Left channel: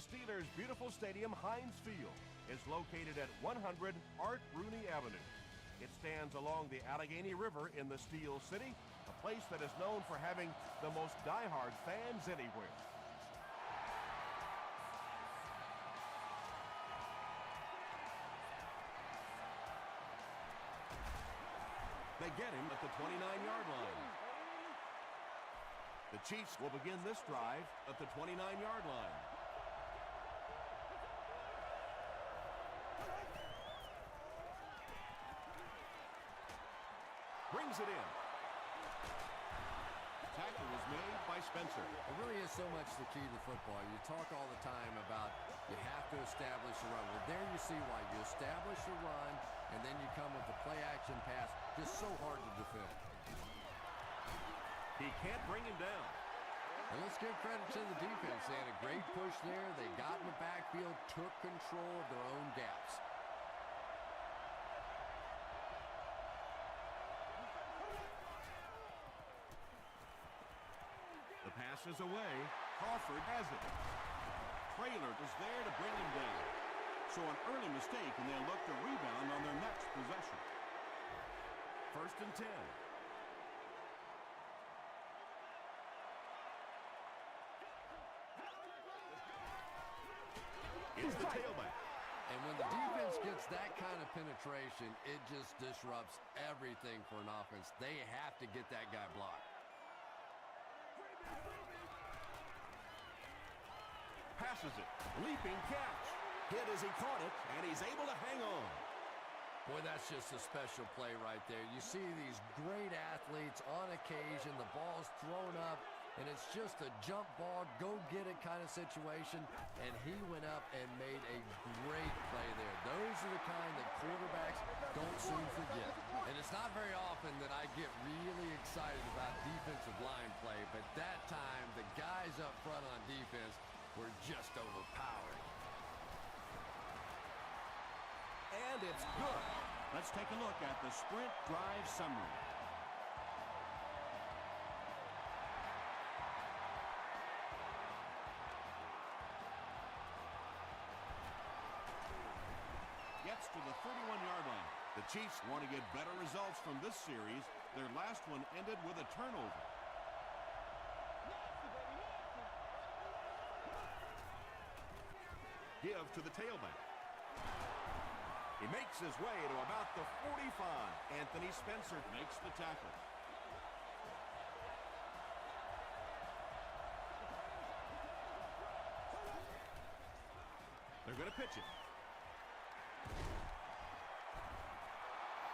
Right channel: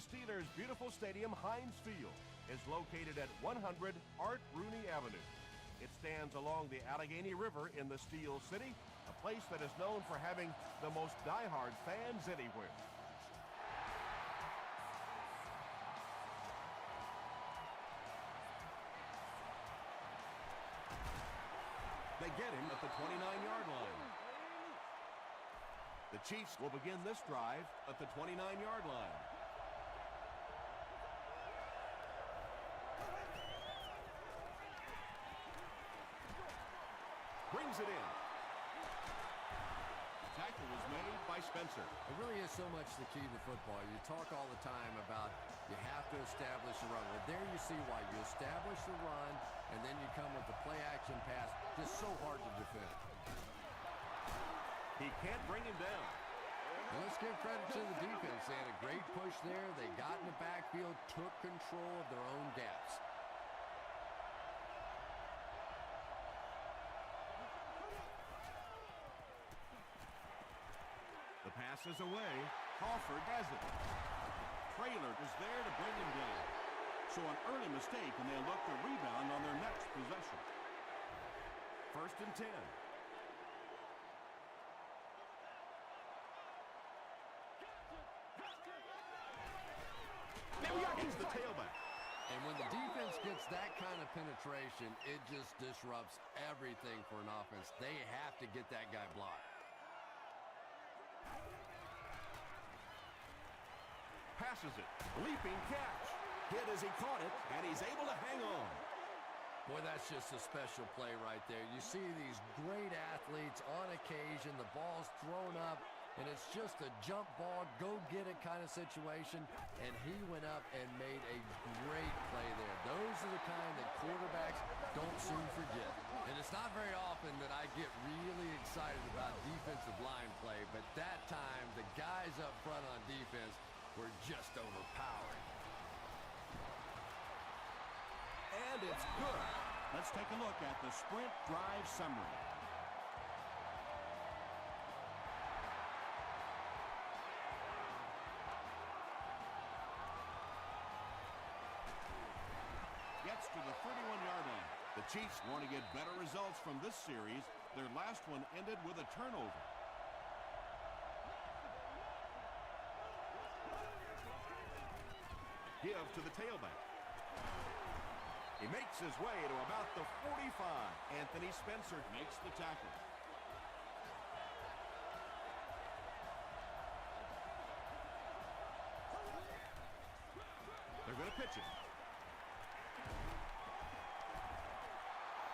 Steelers' beautiful stadium, Heinz Field, is located at 100 Art Rooney Avenue. It stands along the Allegheny River in the Steel City, a place that is known for having the most diehard fans anywhere. They get him at the 29-yard line. The Chiefs will begin this drive at the 29-yard line. Brings it in. Tackle was made by Spencer. It really is so much the key to football. You talk all the time about you have to establish the run. Well, there you see why. You establish the run, and then you come with the play-action pass. Just so hard to defend. He can't bring him down. And let's give credit to the defense. They had a great push there. They got in the backfield, took control of their own gaps. The pass is away. Crawford has it. Traylor was there to bring him down. So an early mistake, and they'll look to rebound on their next possession. 1st and 10. Here's the tailback. And when the defense gets that kind of penetration, it just disrupts everything for an offense. They have to get that guy blocked. Passes it. Leaping catch. Hit as he caught it, and he's able to hang on. Boy, that's just a special play right there. You see these great athletes on occasion, the ball's thrown up, and it's just a jump ball, go-get-it kind of situation, and he went up and made a great play there. Those are the kind that quarterbacks don't soon forget. And it's not very often that I get really excited about defensive line play, but that time, the guys up front on defense were just overpowering. And it's good. Let's take a look at the sprint drive summary. Gets to the 31-yard line. The Chiefs want to get better results from this series. Their last one ended with a turnover. Give to the tailback. He makes his way to about the 45. Anthony Spencer makes the tackle. They're going to pitch it.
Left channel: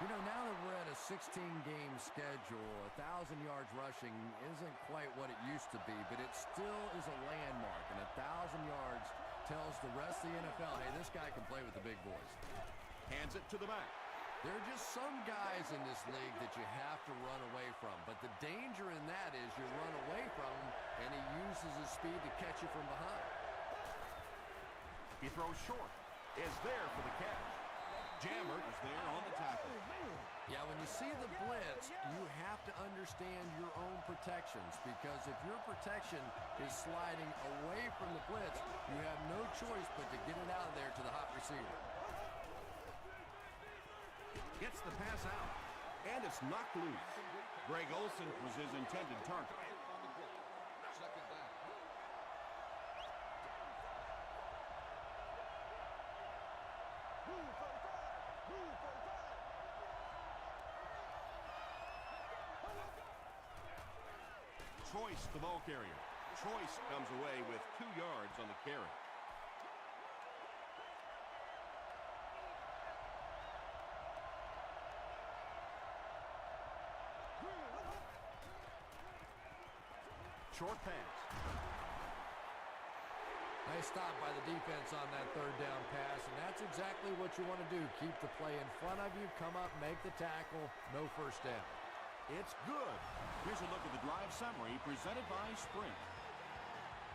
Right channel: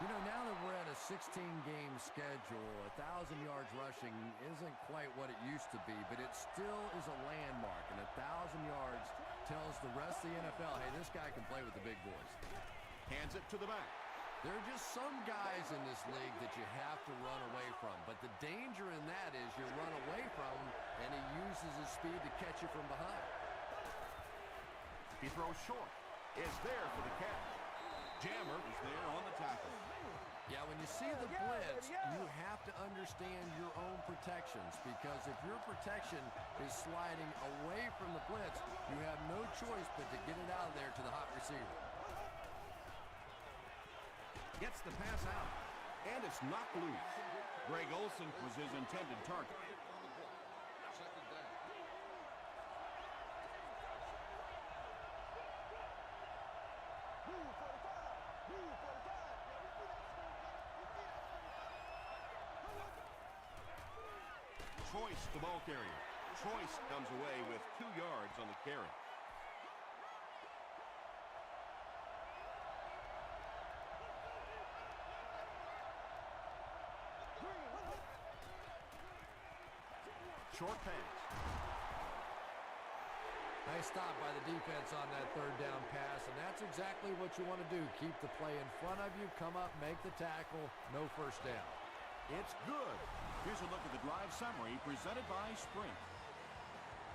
You know, now that we're at a 16-game schedule, 1,000 yards rushing isn't quite what it used to be, but it still is a landmark, and 1,000 yards tells the rest of the NFL, hey, this guy can play with the big boys. Hands it to the back. There are just some guys in this league that you have to run away from, but the danger in that is you run away from him, and he uses his speed to catch you from behind. He throws short. Is there for the catch. Jammer is there on the tackle. Yeah, when you see the blitz, you have to understand your own protections, because if your protection is sliding away from the blitz, you have no choice but to get it out of there to the hot receiver. Gets the pass out, and it's knocked loose. Greg Olsen was his intended target. Choice, the ball carrier. Choice comes away with 2 yards on the carry. Short pass. Nice stop by the defense on that 3rd down pass, and that's exactly what you want to do. Keep the play in front of you, come up, make the tackle, no first down. It's good. Here's a look at the drive summary presented by Sprint.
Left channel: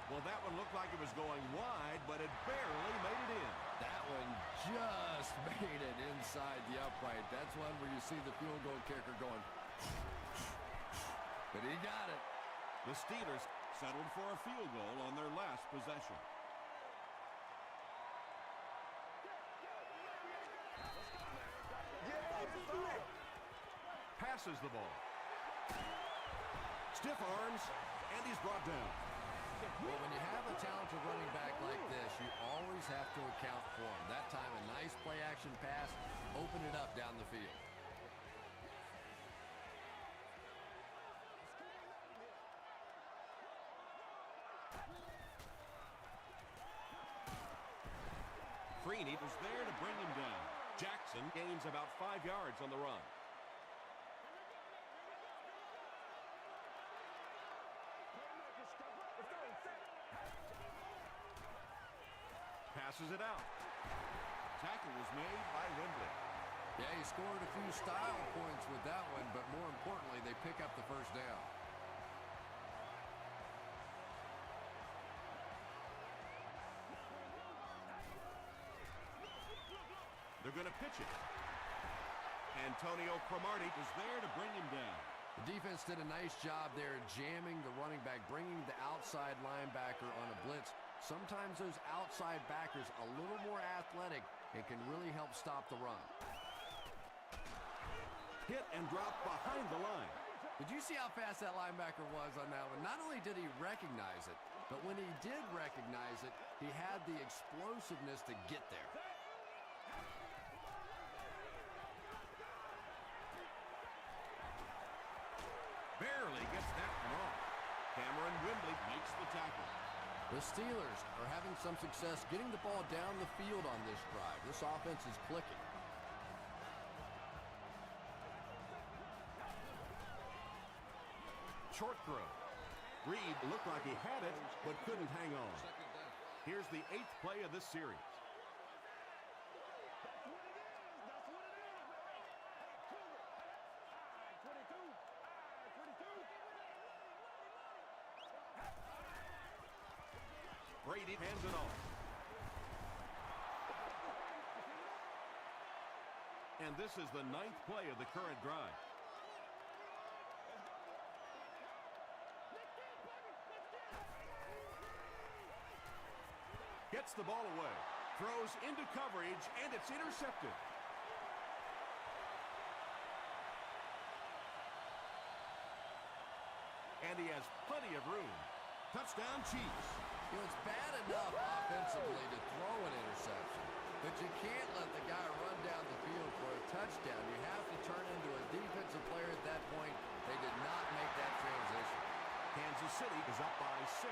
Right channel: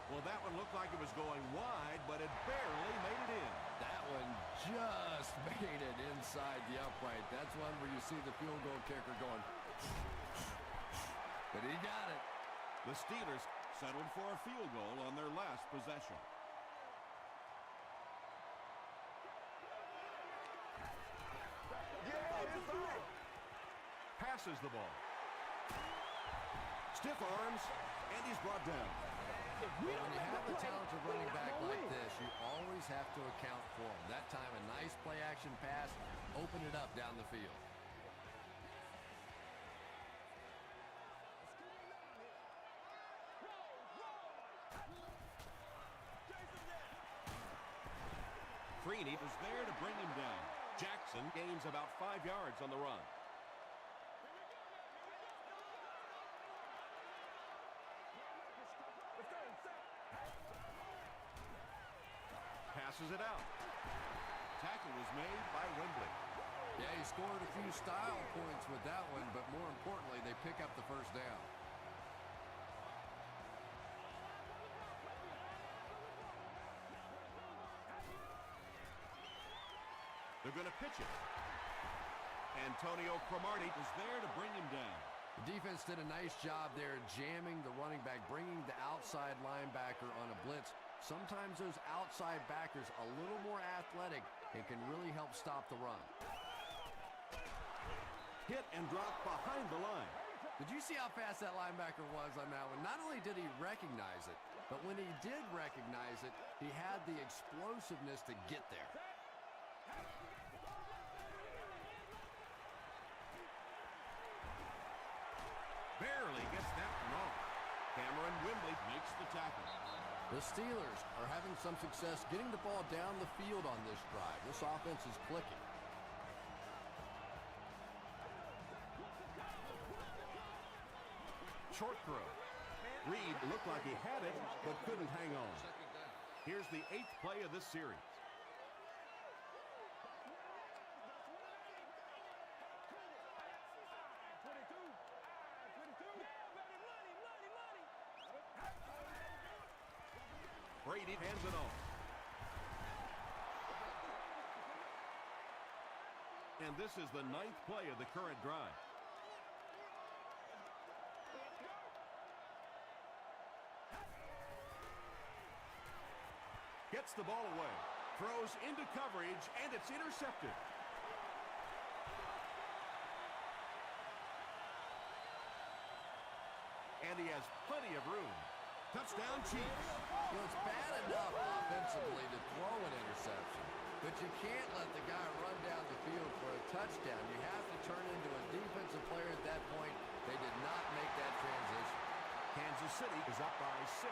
Well, that one looked like it was going wide, but it barely made it in. That one just made it inside the upright. That's one where you see the field goal kicker going, but he got it. The Steelers settled for a field goal on their last possession. passes the ball. Stiff arms, and he's brought down. When you have a talented running back like this, you always have to account for him. That time, a nice play-action pass, open it up down the field. Freeney was there to bring him down. Jackson gains about 5 yards on the run. Passes it out. Tackle was made by Wembley. Yeah, he scored a few style points with that one, but more importantly, they pick up the first down. They're going to pitch it. Antonio Cromartie was there to bring him down. The defense did a nice job there jamming the running back, bringing the outside linebacker on a blitz. Sometimes those outside backers a little more athletic and can really help stop the run. Hit and drop behind the line. Did you see how fast that linebacker was on that one? Not only did he recognize it, but when he did recognize it, he had the explosiveness to get there. Barely gets that wrong. Cameron Wembley makes the tackle. The Steelers are having some success getting the ball down the field on this drive. This offense is clicking. Short throw. Reed looked like he had it, but couldn't hang on. Here's the 8th play of this series. Brady hands it off. And this is the 9th play of the current drive. Gets the ball away. Throws into coverage, and it's intercepted. And he has plenty of room. Touchdown, Chiefs. You know, it's bad enough offensively to throw an interception, but you can't let the guy run down the field for a touchdown. You have to turn into a defensive player at that point. They did not make that transition. Kansas City is up by 6.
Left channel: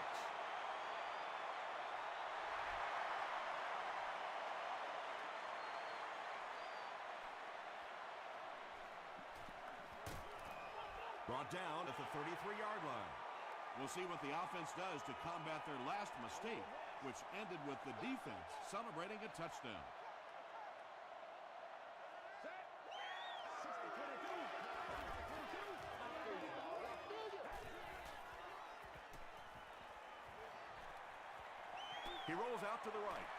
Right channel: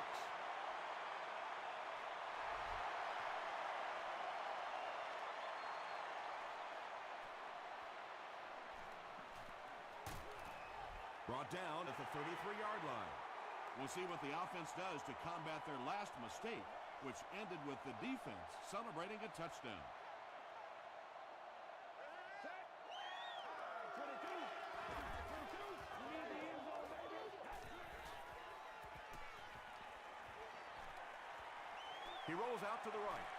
Brought down at the 33-yard line. We'll see what the offense does to combat their last mistake, which ended with the defense celebrating a touchdown. He rolls out to the right.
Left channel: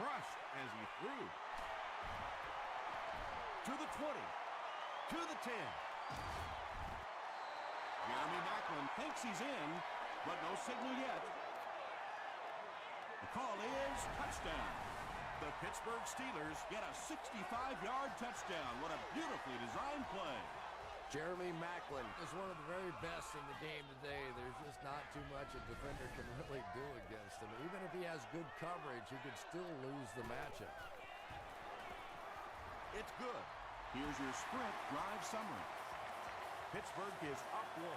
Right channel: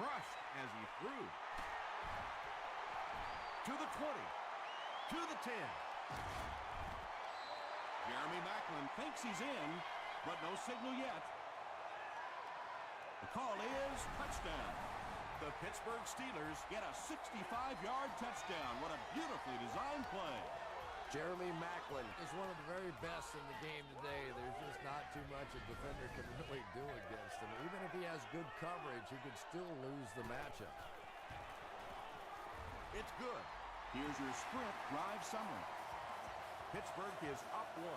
Crushed as he threw. To the 20. To the 10. Jeremy Maclin thinks he's in, but no signal yet. The call is touchdown. The Pittsburgh Steelers get a 65-yard touchdown. What a beautifully designed play. Jeremy Maclin is one of the very best in the game today. There's just not too much a defender can really do against him. Even if he has good coverage, he could still lose the matchup. It's good. Here's your sprint drive summary. Pittsburgh is up 1.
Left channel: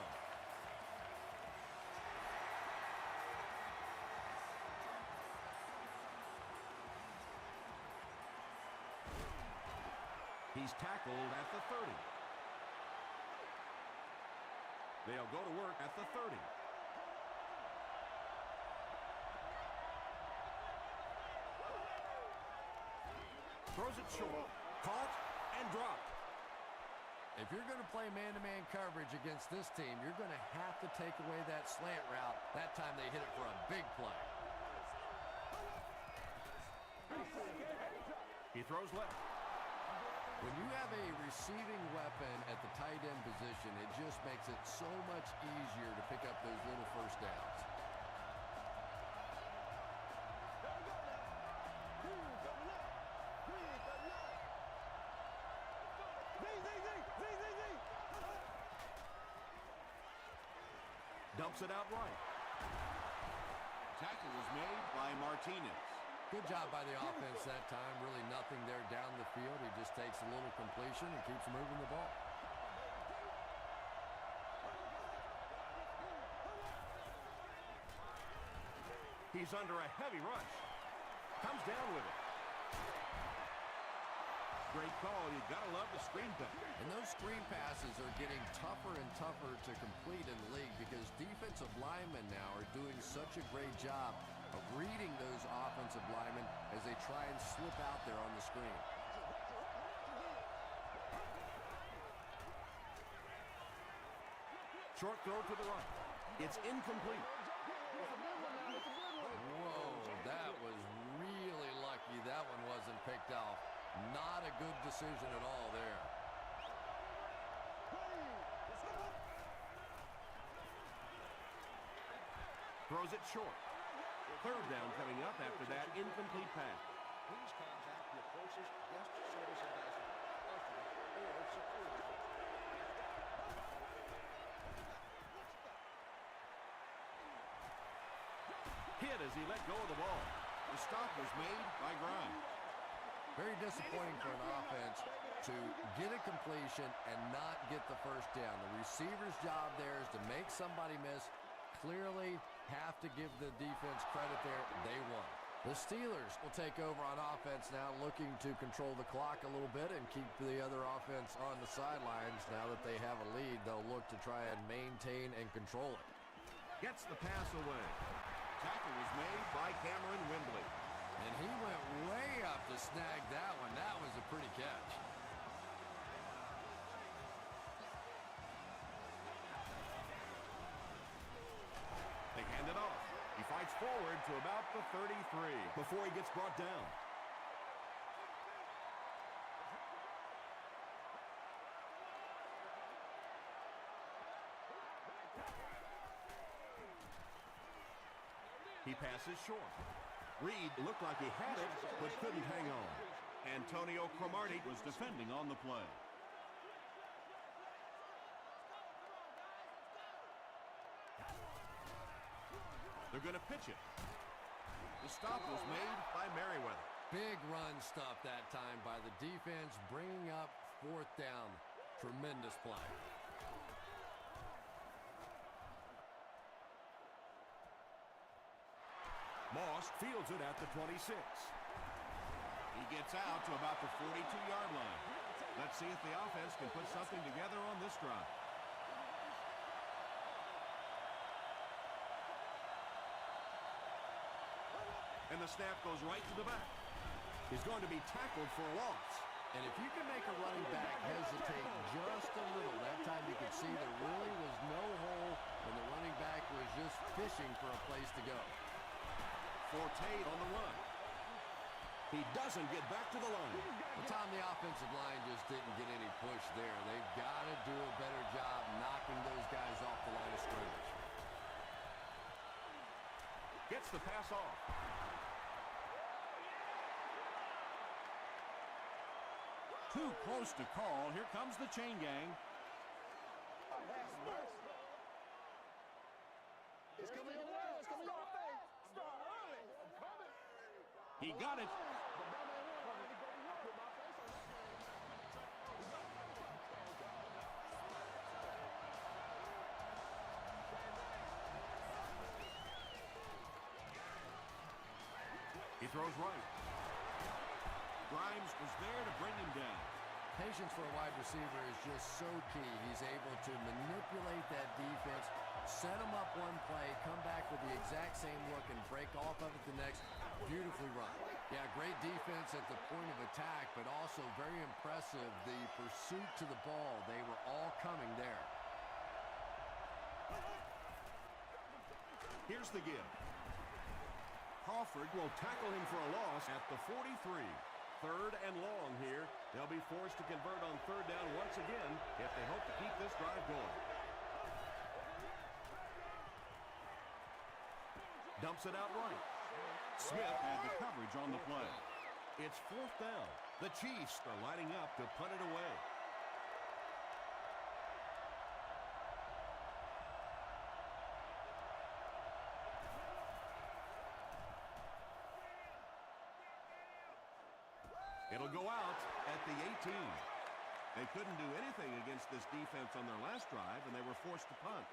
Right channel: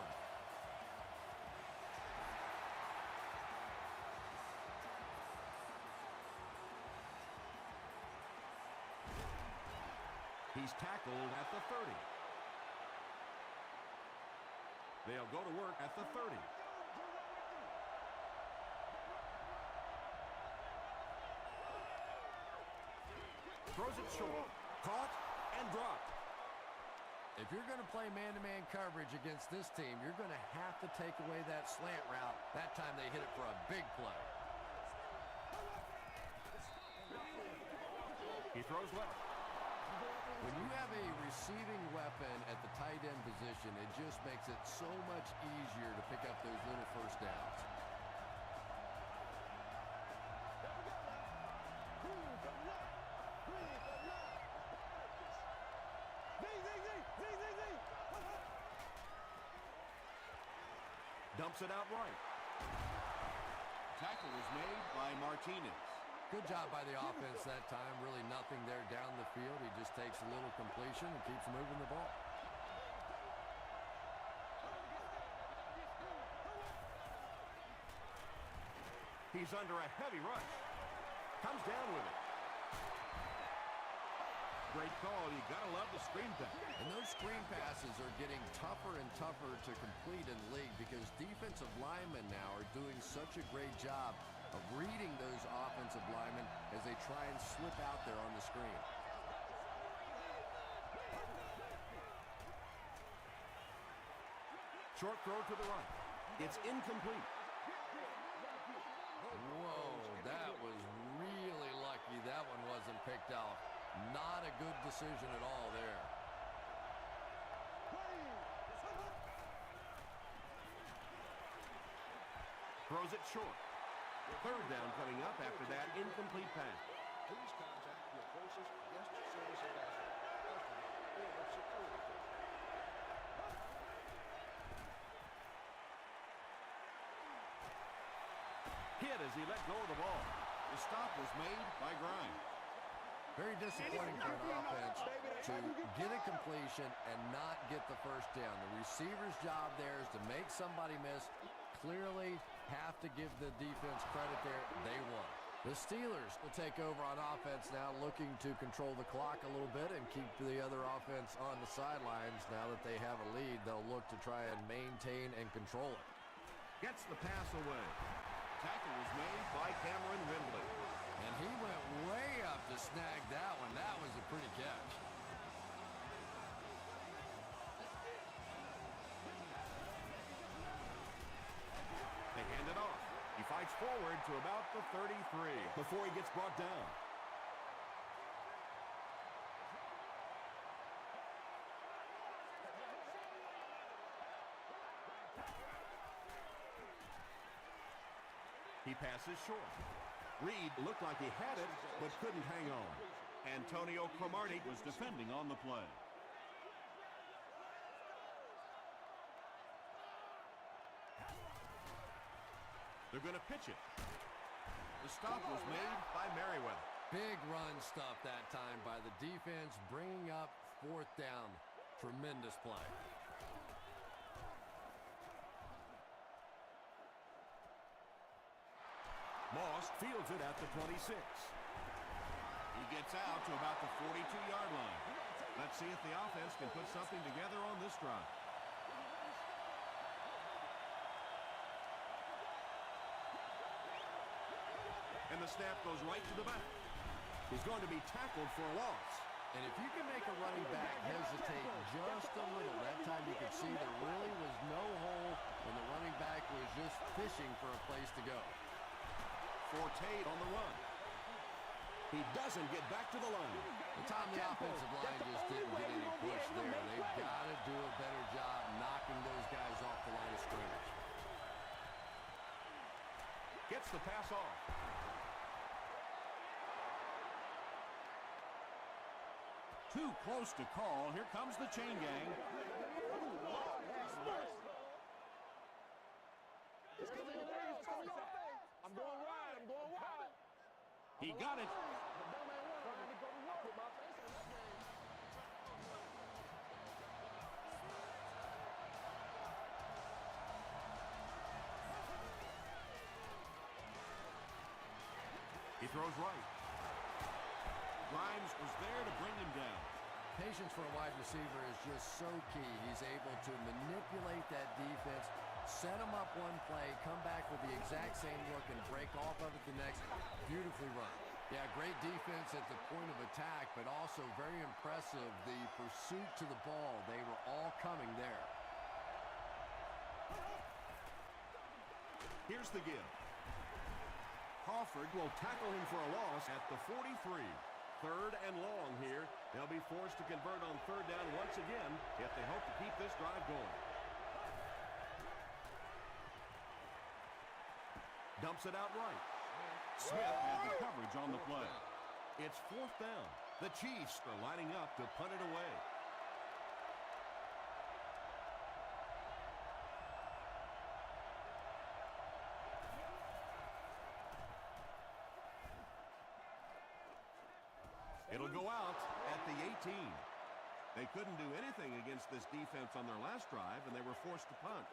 He's tackled at the 30. They'll go to work at the 30. Throws it short. Caught and dropped. If you're going to play man-to-man coverage against this team, you're going to have to take away that slant route. That time they hit it for a big play. He throws left. When you have a receiving weapon at the tight end position, it just makes it so much easier to pick up those little first downs. There we go now. Green 39. Green 39. Z. Dumps it out right. Tackle was made by Martinez. Good job by the offense that time. Really nothing there down the field. He just takes a little completion and keeps moving the ball. He's under a heavy rush. Comes down with it. Great call. You gotta love the screen pass. And those screen passes are getting tougher and tougher to complete in the league because defensive linemen now are doing such a great job of reading those offensive linemen as they try and slip out there on the screen. Short throw to the right. It's incomplete. Whoa, that was really lucky that one wasn't picked off. Not a good decision at all there. Throws it short. Third down coming up after that incomplete pass. Please contact your closest guest service ambassador, customer, or security firm. Hit as he let go of the ball. The stop was made by Grimes. Very disappointing for an offense to get a completion and not get the first down. The receiver's job there is to make somebody miss. Clearly have to give the defense credit there. They won. The Steelers will take over on offense now, looking to control the clock a little bit and keep the other offense on the sidelines. Now that they have a lead, they'll look to try and maintain and control it. Gets the pass away. Tackle was made By Cameron Wembley. And he went way up to snag that one. That was a pretty catch. They hand it off. He fights forward to about the 33 before he gets brought down. He passes short. Reed looked like he had it, but couldn't hang on. Antonio Cromartie was defending on the play. They're going to pitch it. The stop was made By Merriweather. Big run stuff that time by the defense, bringing up fourth down. Tremendous play. Moss fields it at the 26. He gets out to about the 42-yard line. Let's see if the offense can put something together on this drive. And the snap goes right to the back. He's going to be tackled for a loss. And if you can make a running back hesitate just a little, that time you could see there really was no hole, and the running back was just fishing for a place to go. Forte on the run. He doesn't get back to the line. But Tom, the offensive line just didn't get any push there. They've got to do a better job knocking those guys off the line of scrimmage. Gets the pass off. Too close to call. Here comes the chain gang. It's coming your way. It's coming your way. I'm going wide. I'm going wide. He got it. The dumb man won. I had to go to work. I put my face on that game. He throws right. Grimes was there to bring him down. Patience for a wide receiver is just so key. He's able to manipulate that defense, set them up one play, come back with the exact same look, and break off of it the next. Beautifully run. Yeah, great defense at the point of attack, but also very impressive. The pursuit to the ball, they were all coming there. Here's the give. Crawford will tackle him for a loss at the 43. Third and long here. They'll be forced to convert on third down once again if they hope to keep this drive going. Dumps it out right. Smith had the coverage on the play. It's fourth down. The Chiefs are lining up to punt it away. It'll go out at the 18. They couldn't do anything against this defense on their last drive, and they were forced to punt.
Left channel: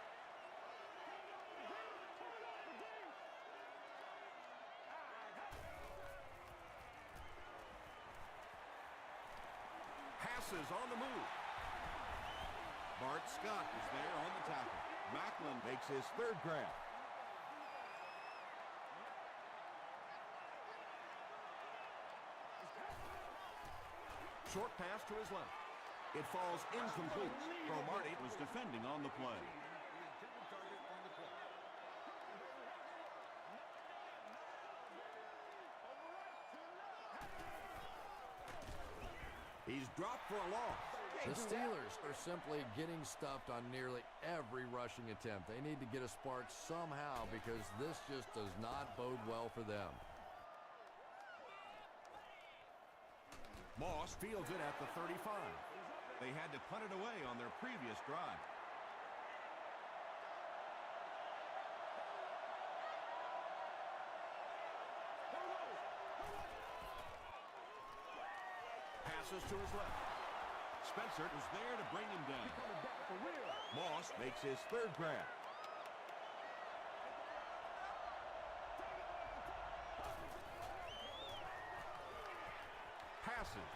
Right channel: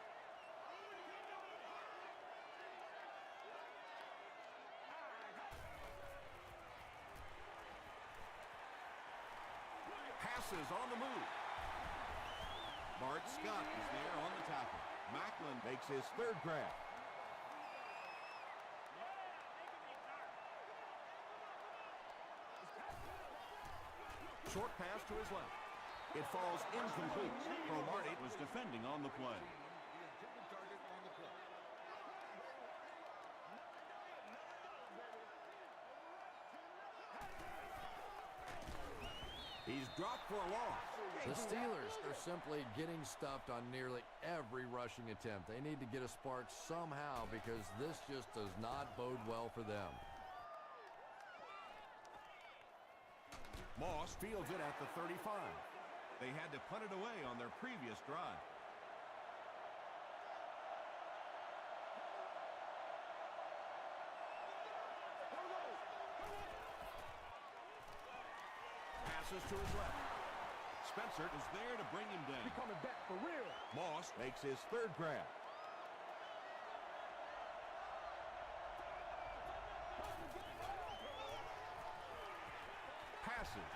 Passes on the move. Bart Scott is there on the tackle. Macklin makes his third grab. Short pass to his left. It falls incomplete. Cromartie was defending on the play. He's dropped for a loss. The Steelers are simply getting stuffed on nearly every rushing attempt. They need to get a spark somehow because this just does not bode well for them. Moss fields it at the 35. They had to punt it away on their previous drive. Passes to his left. Spencer is there to bring him down. He's coming back for real. Moss makes his third grab. Passes.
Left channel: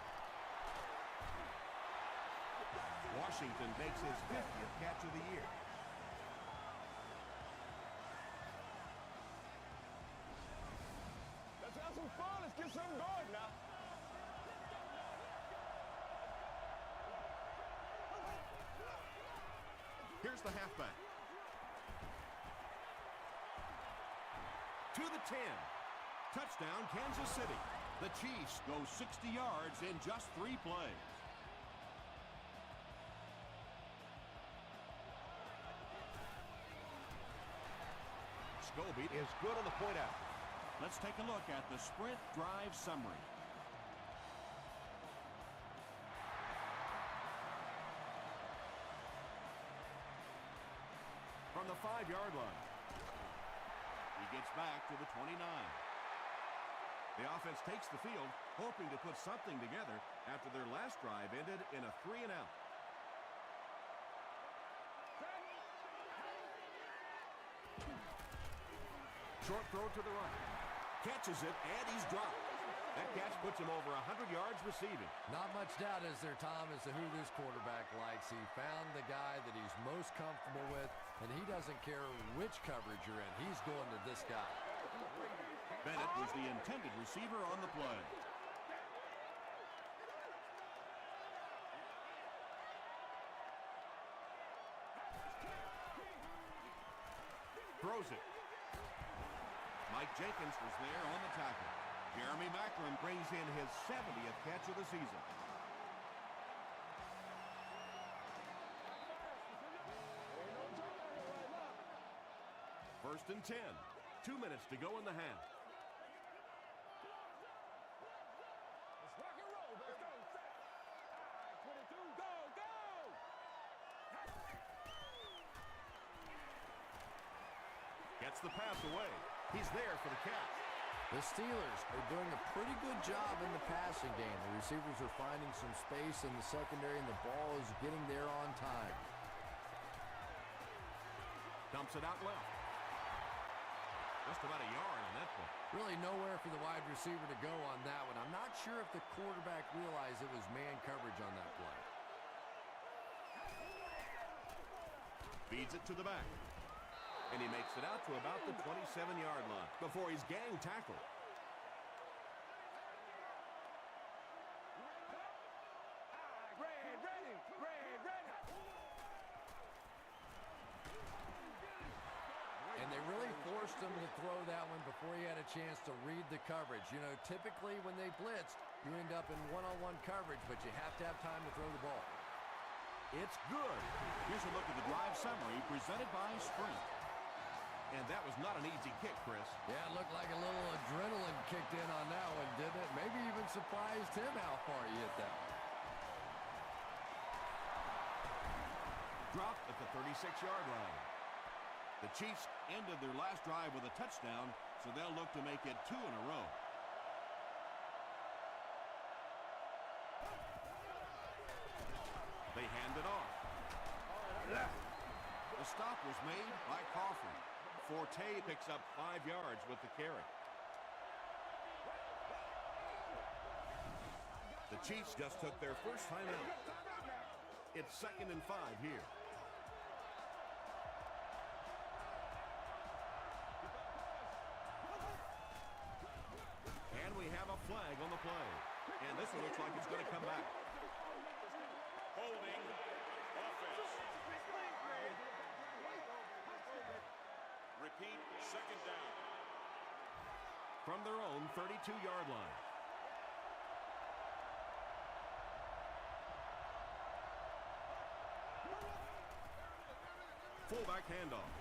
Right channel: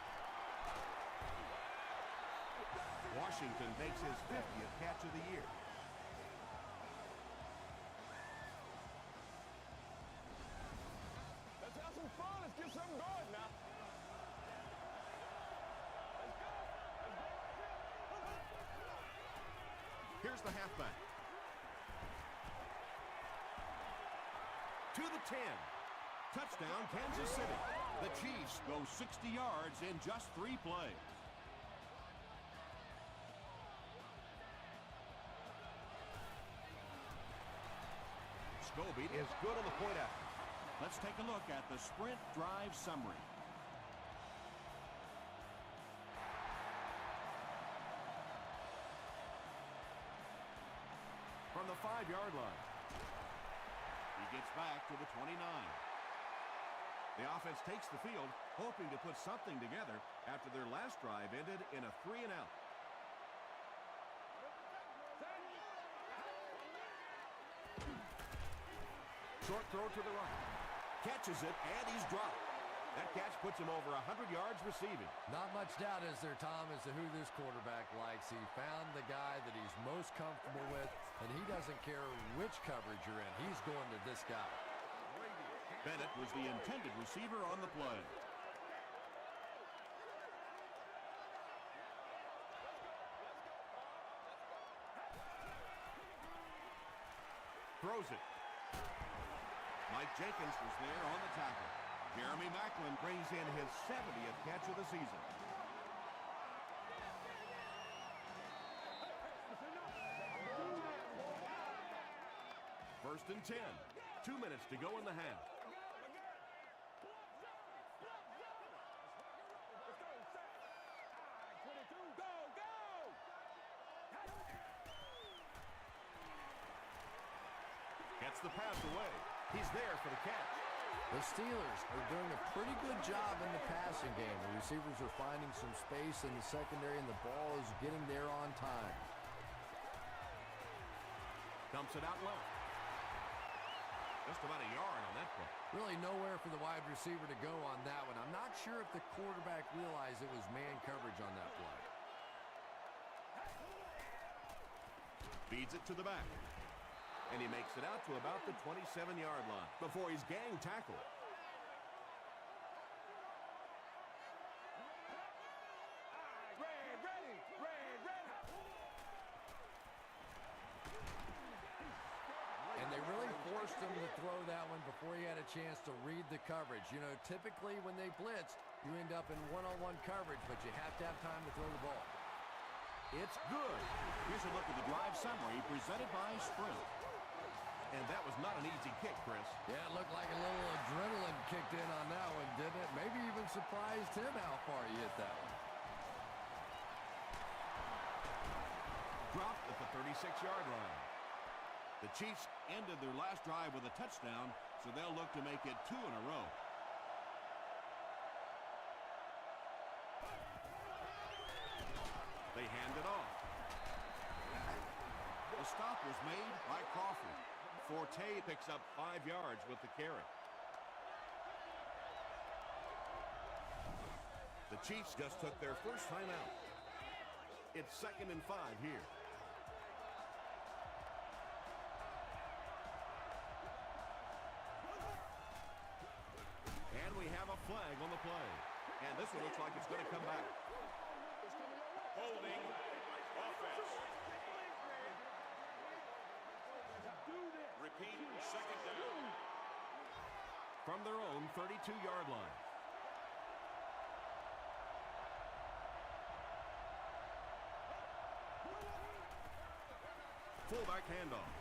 Washington makes his 50th catch of the year. Let's have some fun. Let's get something going now. Here's the halfback. To the 10. Touchdown, Kansas City. The Chiefs go 60 yards in just 3 plays. Scobie is good on the point out. Let's take a look at the sprint drive summary. From the 5-yard line. He gets back to the 29. The offense takes the field, hoping to put something together after their last drive ended in a 3-and-out. Short throw to the right. Catches it, and he's dropped. That catch puts him over 100 yards receiving. Not much doubt, is there, Tom, as to who this quarterback likes. He found the guy that he's most comfortable with, and he doesn't care which coverage you're in. He's going to this guy. Bennett was the intended receiver on the play. Throws it. Mike Jenkins was there on the tackle. Jeremy Macklin brings in his 70th catch of the season. First and 10. 2 minutes to go in the half. Let's rock and roll, baby. Let's go, set. All right, 22, go, go! Gets the pass away. He's there for the catch. The Steelers are doing a pretty good job in the passing game. The receivers are finding some space in the secondary, and the ball is getting there on time. Dumps it out left. Just about a yard on that play. Really nowhere for the wide receiver to go on that one. I'm not sure if the quarterback realized it was man coverage on that play. Feeds it to the back. And he makes it out to about the 27-yard line before he's gang tackled. Red, ready, red, ready. And they really forced him to throw that one before he had a chance to read the coverage. You know, typically when they blitz, you end up in one-on-one coverage, but you have to have time to throw the ball. It's good. Here's a look at the drive summary presented by Sprint. And that was not an easy kick, Chris. Yeah, it looked like a little adrenaline kicked in on that one, didn't it? Maybe even surprised him how far he hit that one. Dropped at the 36-yard line. The Chiefs ended their last drive with a touchdown, so they'll look to make it 2 in a row. They hand it off. The stop was made by Crawford. Forte picks up 5 yards with the carry. The Chiefs just took their first time out. It's 2nd and 5 here. And we have a flag on the play. And this one looks like it's going to come back. From their own 32-yard line. Fullback handoff.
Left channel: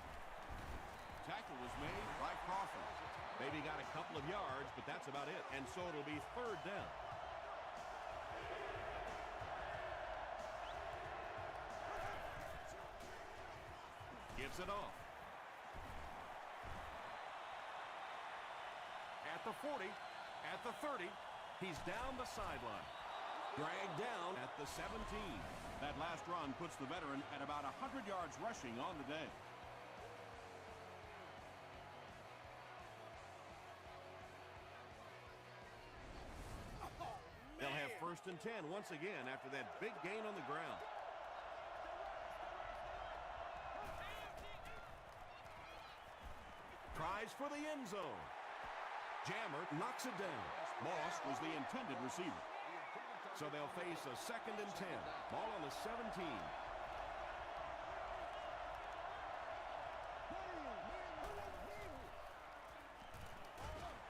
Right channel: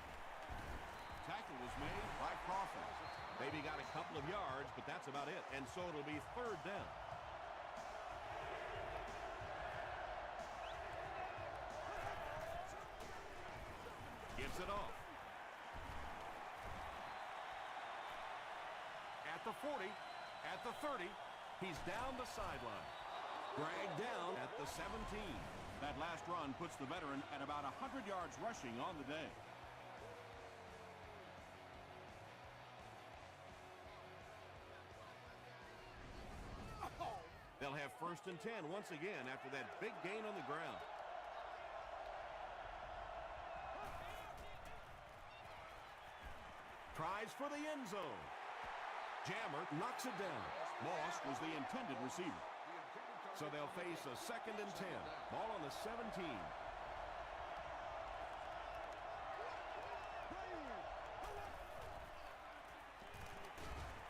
Tackle was made by Crawford. Maybe got a couple of yards, but that's about it. And so it'll be 3rd down. Gives it off. At the 40, at the 30, he's down the sideline. Dragged down at the 17. That last run puts the veteran at about 100 yards rushing on the day. They'll have 1st and 10 once again after that big gain on the ground. Tries for the end zone. Jammer knocks it down. Moss was the intended receiver. So they'll face a 2nd and 10. Ball on the 17.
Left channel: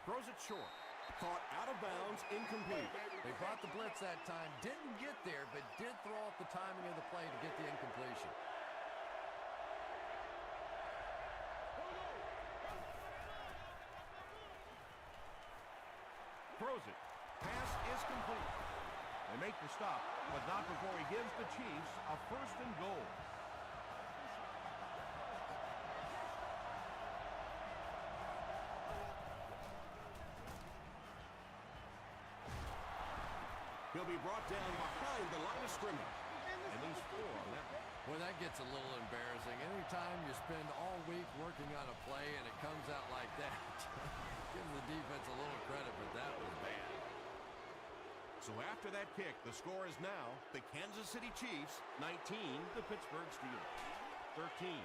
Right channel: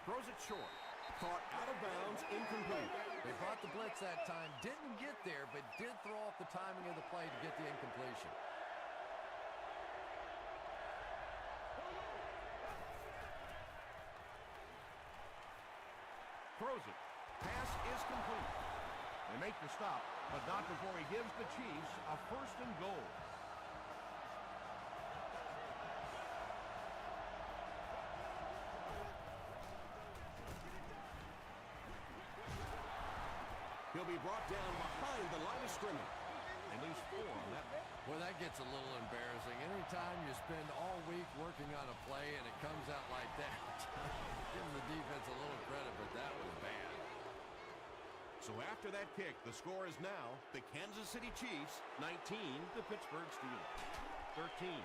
Throws it short. Caught out of bounds, incomplete. They brought the blitz that time, didn't get there, but did throw off the timing of the play to get the incompletion. Throws it. Pass is complete. They make the stop, but not before he gives the Chiefs a 1st and goal. He'll be brought down behind the line of scrimmage. At least 4 on that. Well, that gets a little embarrassing. Anytime you spend all week working on a play and it comes out like that, give the defense a little credit, but that was bad. So after that kick, the score is now the Kansas City Chiefs 19, the Pittsburgh Steelers 13.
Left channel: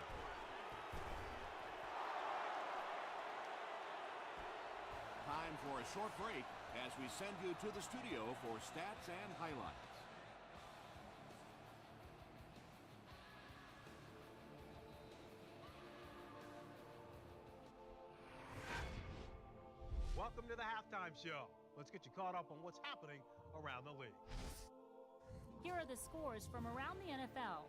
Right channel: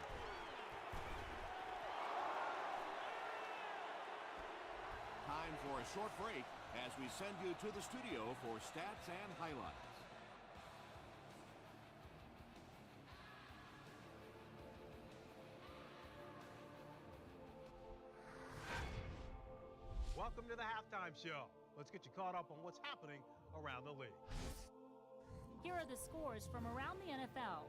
Time for a short break as we send you to the studio for stats and highlights. Welcome to the halftime show. Let's get you caught up on what's happening around the league. Here are the scores from around the NFL.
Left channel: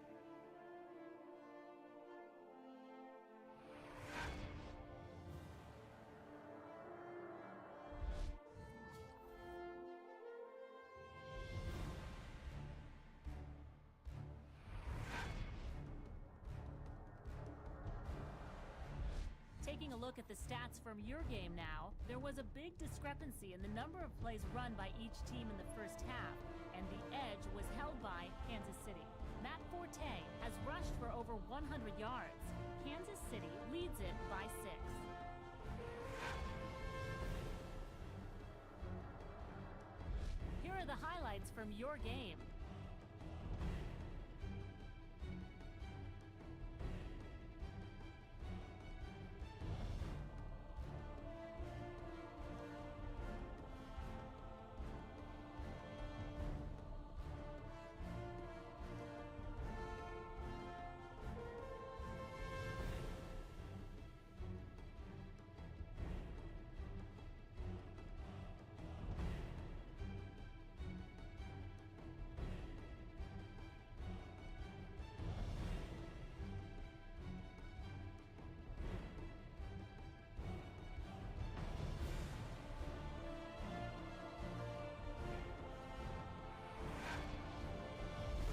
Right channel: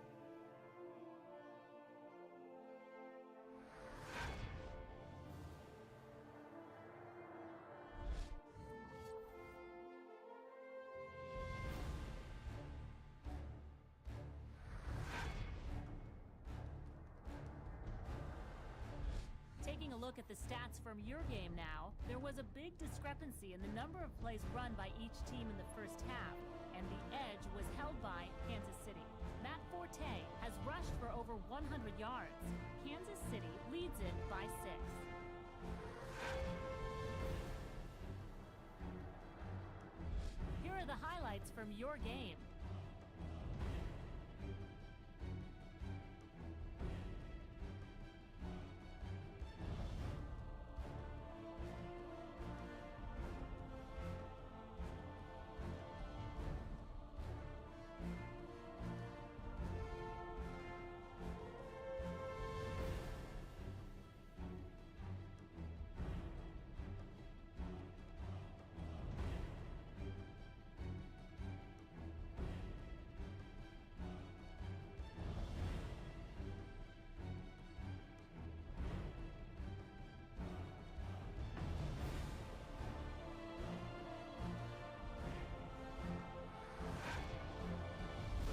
Taking a look at the stats from your game now, there was a big discrepancy in the number of plays run by each team in the first half, and the edge was held by Kansas City. Matt Forte has rushed for over 100 yards. Kansas City leads it by 6. Here are the highlights from your game.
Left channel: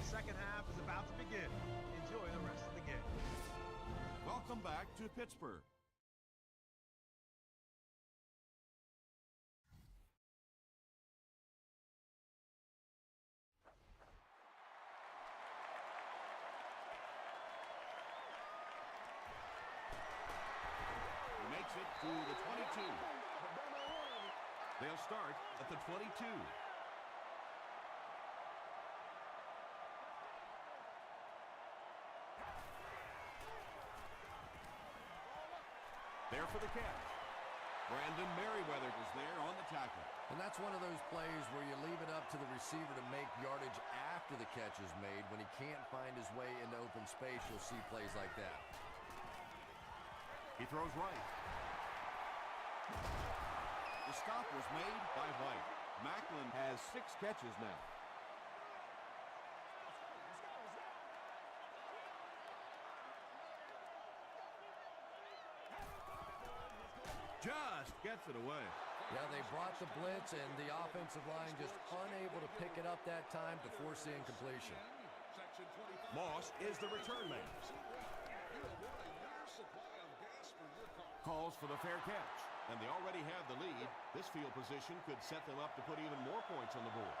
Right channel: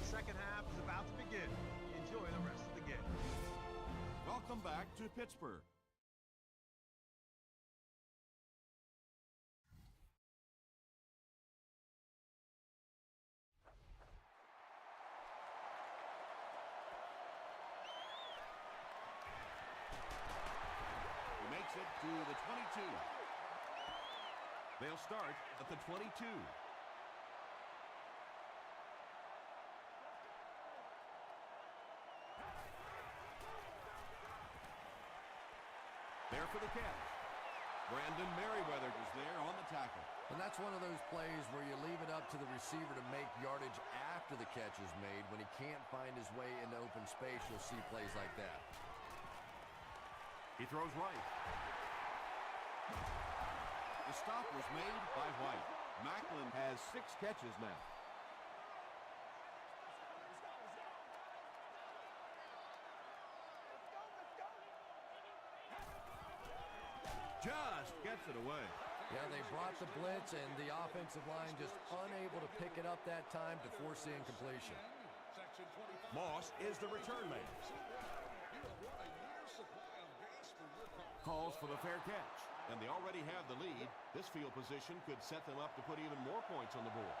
Second half is about to begin. Enjoy the rest of the game. Welcome back to Pittsburgh. to the 22. They'll start at the 22. There for the catch. Brandon Merriweather is there on the tackle. And that's one of those plays where you leave it up to the receiver to make yardage after the catch is made. When he can't find his way into open space, you'll see plays like that. He throws right. The stop was made by White. Macklin has 6 catches now. Just gets it away. Yeah, they brought the blitz, and the offensive line just unable to pick it up that time to force the incompletion. Moss is the return man. Calls for the fair catch, and they already have the lead. This field position could set them up to put even more points on the board.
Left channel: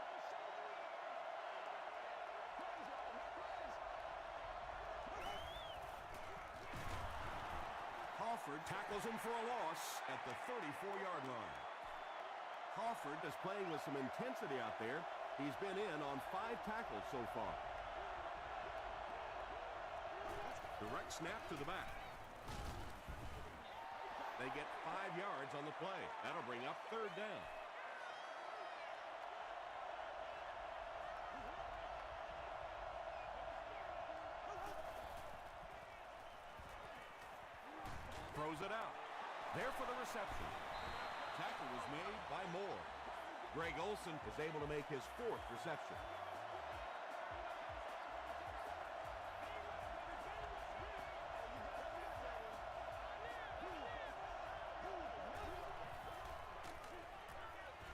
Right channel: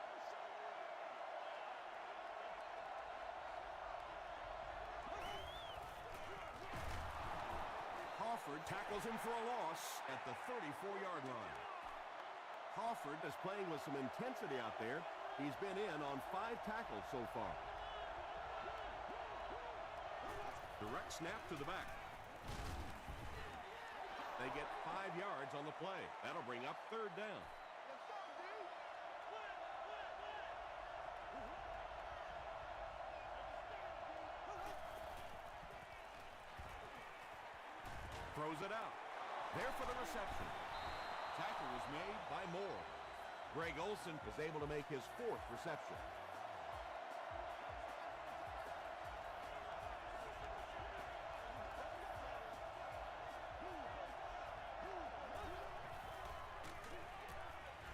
Crawford tackles him for a loss at the 34-yard line. Crawford is playing with some intensity out there. He's been in on 5 tackles so far. Direct snap to the back. They get 5 yards on the play. That'll bring up 3rd down. Throws it out. There for the reception. Tackle was made by Moore. Greg Olsen is able to make his 4th reception.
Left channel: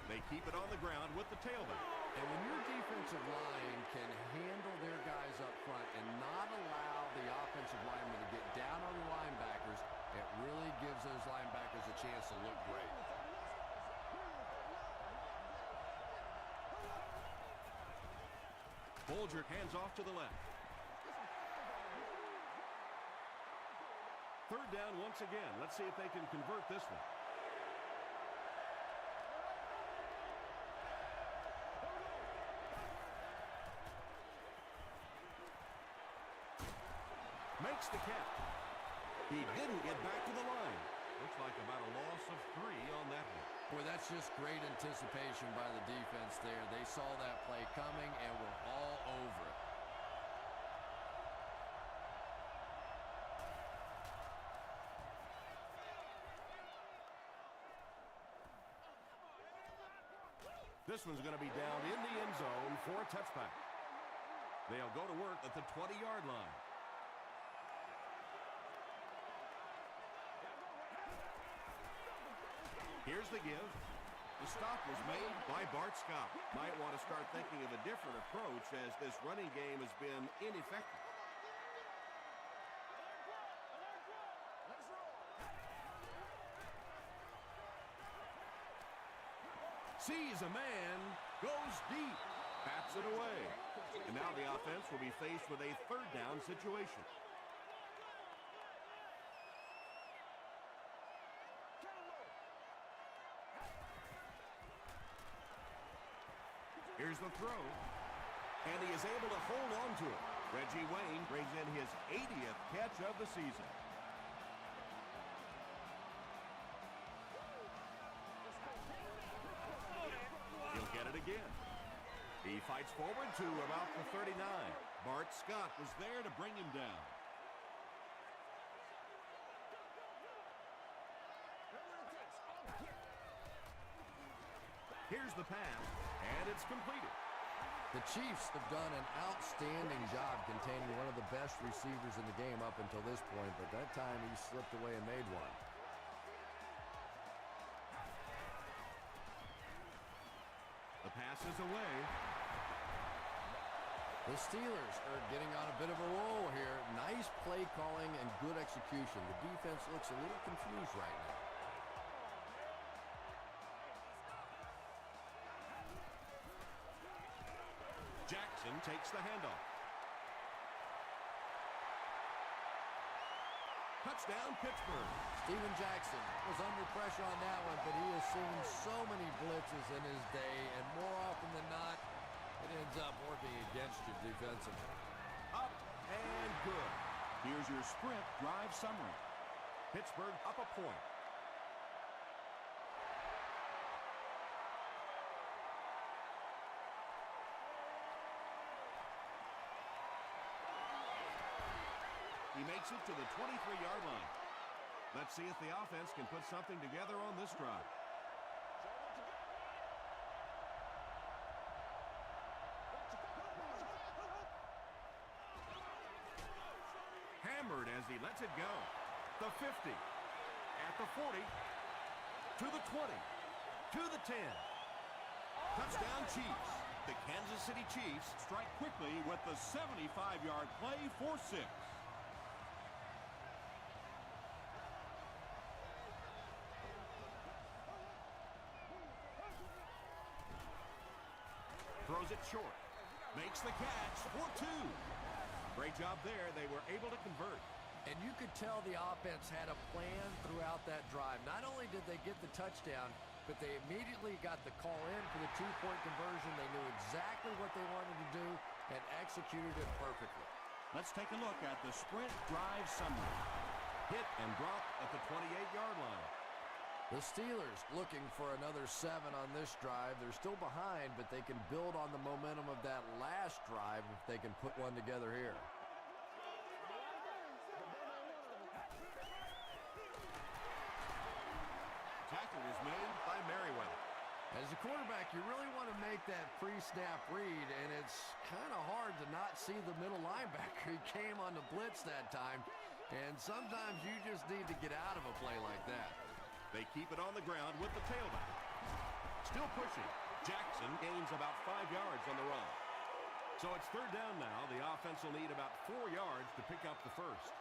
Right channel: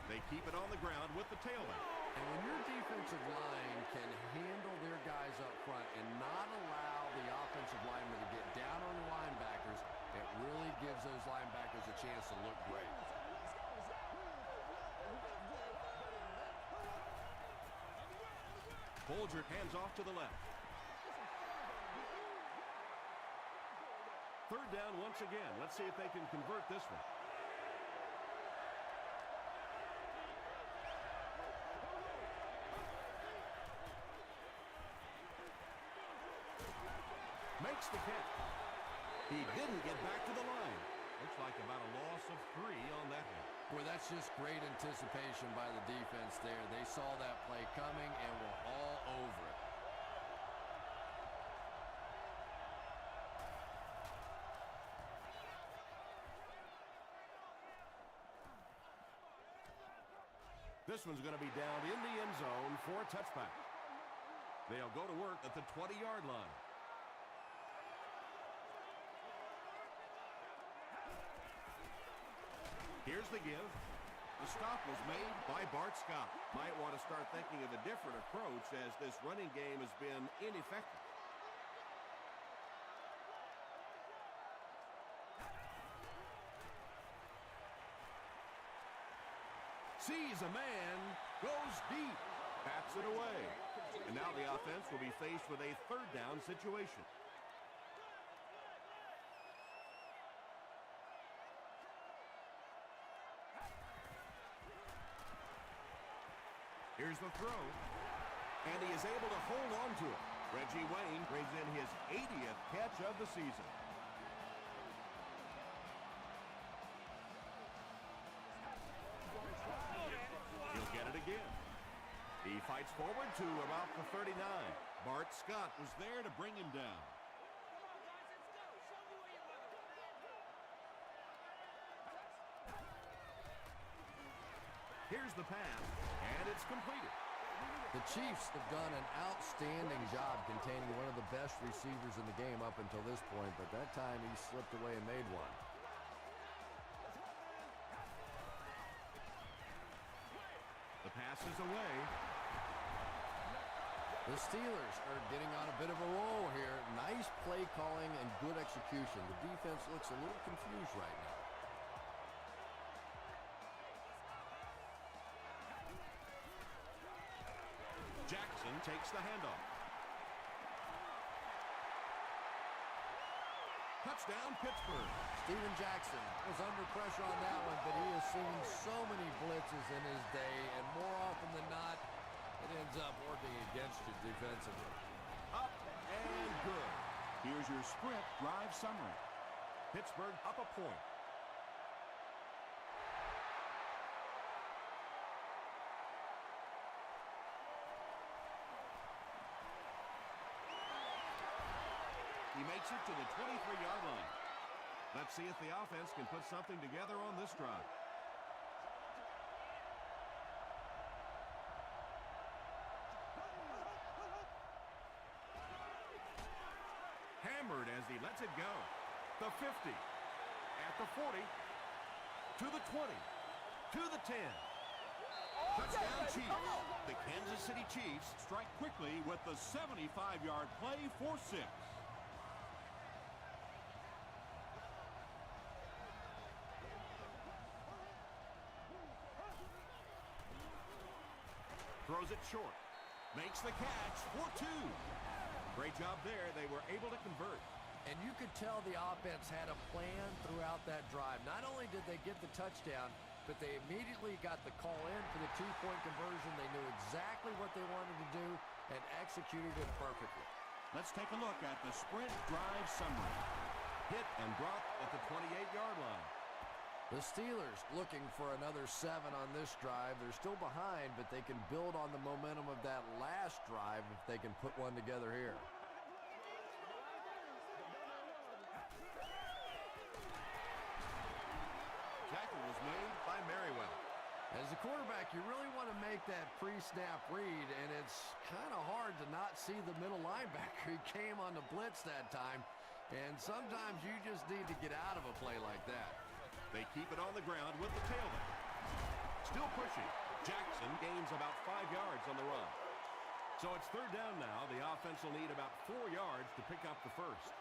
They keep it on the ground with the tailback. And when your defensive line can handle their guys up front and not allow the offensive linemen to get down on the linebackers, it really gives those linebackers a chance to look great. Bolger hands off to the left. 3rd down once again. Let's see if they can convert this one. Makes the catch. He didn't get back to the line. Looks like about a loss of 3 on that one. Boy, that's just great anticipation by the defense there. They saw that play coming and were all over it. This one's going to be down in the end zone for a touchback. They'll go to work at the 20-yard line. Here's the give. The stop was made by Bart Scott. Might want to start thinking of a different approach as this running game has been ineffective. Sees a man, goes deep, bats it away. And now the offense will be faced with a 3rd down situation. Here's the throw, and he is able to hold on to it. Reggie Wayne brings in his 80th catch of the season. He'll get it again. He fights forward to about the 39. Bart Scott was there to bring him down. Here's the pass, and it's completed. The Chiefs have done an outstanding job containing one of the best receivers in the game up until this point, but that time he slipped away and made one. The pass is away. The Steelers are getting on a bit of a roll here. Nice play calling and good execution. The defense looks a little confused right now. Jackson takes the handoff. Touchdown, Pittsburgh. Steven Jackson was under pressure on that one, but he has seen so many blitzes in his day, and more often than not, it ends up working against you defensively. Up and good. Here's your sprint drive summary. Pittsburgh up a point. He makes it to the 23-yard line. Let's see if the offense can put something together on this drive. Hammered as he lets it go. The 50, at the 40, to the 20, to the 10. Touchdown Chiefs. The Kansas City Chiefs strike quickly with the 75-yard play for 6. Throws it short. Makes the catch for 2. Great job there. They were able to convert. And you could tell the offense had a plan throughout that drive. Not only did they get the touchdown, but they immediately got the call in for the 2-point conversion. They knew exactly what they wanted to do and executed it perfectly. Let's take a look at the sprint drive summary. Hit and drop at the 28-yard line. The Steelers looking for another 7 on this drive. They're still behind, but they can build on the momentum of that last drive if they can put one together here. Tackle was made by Merriweather. As a quarterback, you really want to make that pre-snap read, and it's kind of hard to not see the middle linebacker. He came on the blitz that time, and sometimes you just need to get out of a play like that. They keep it on the ground with the tailback. Still pushing. Jackson gains about 5 yards on the run. So it's third down now. The offense will need about 4 yards to pick up the first.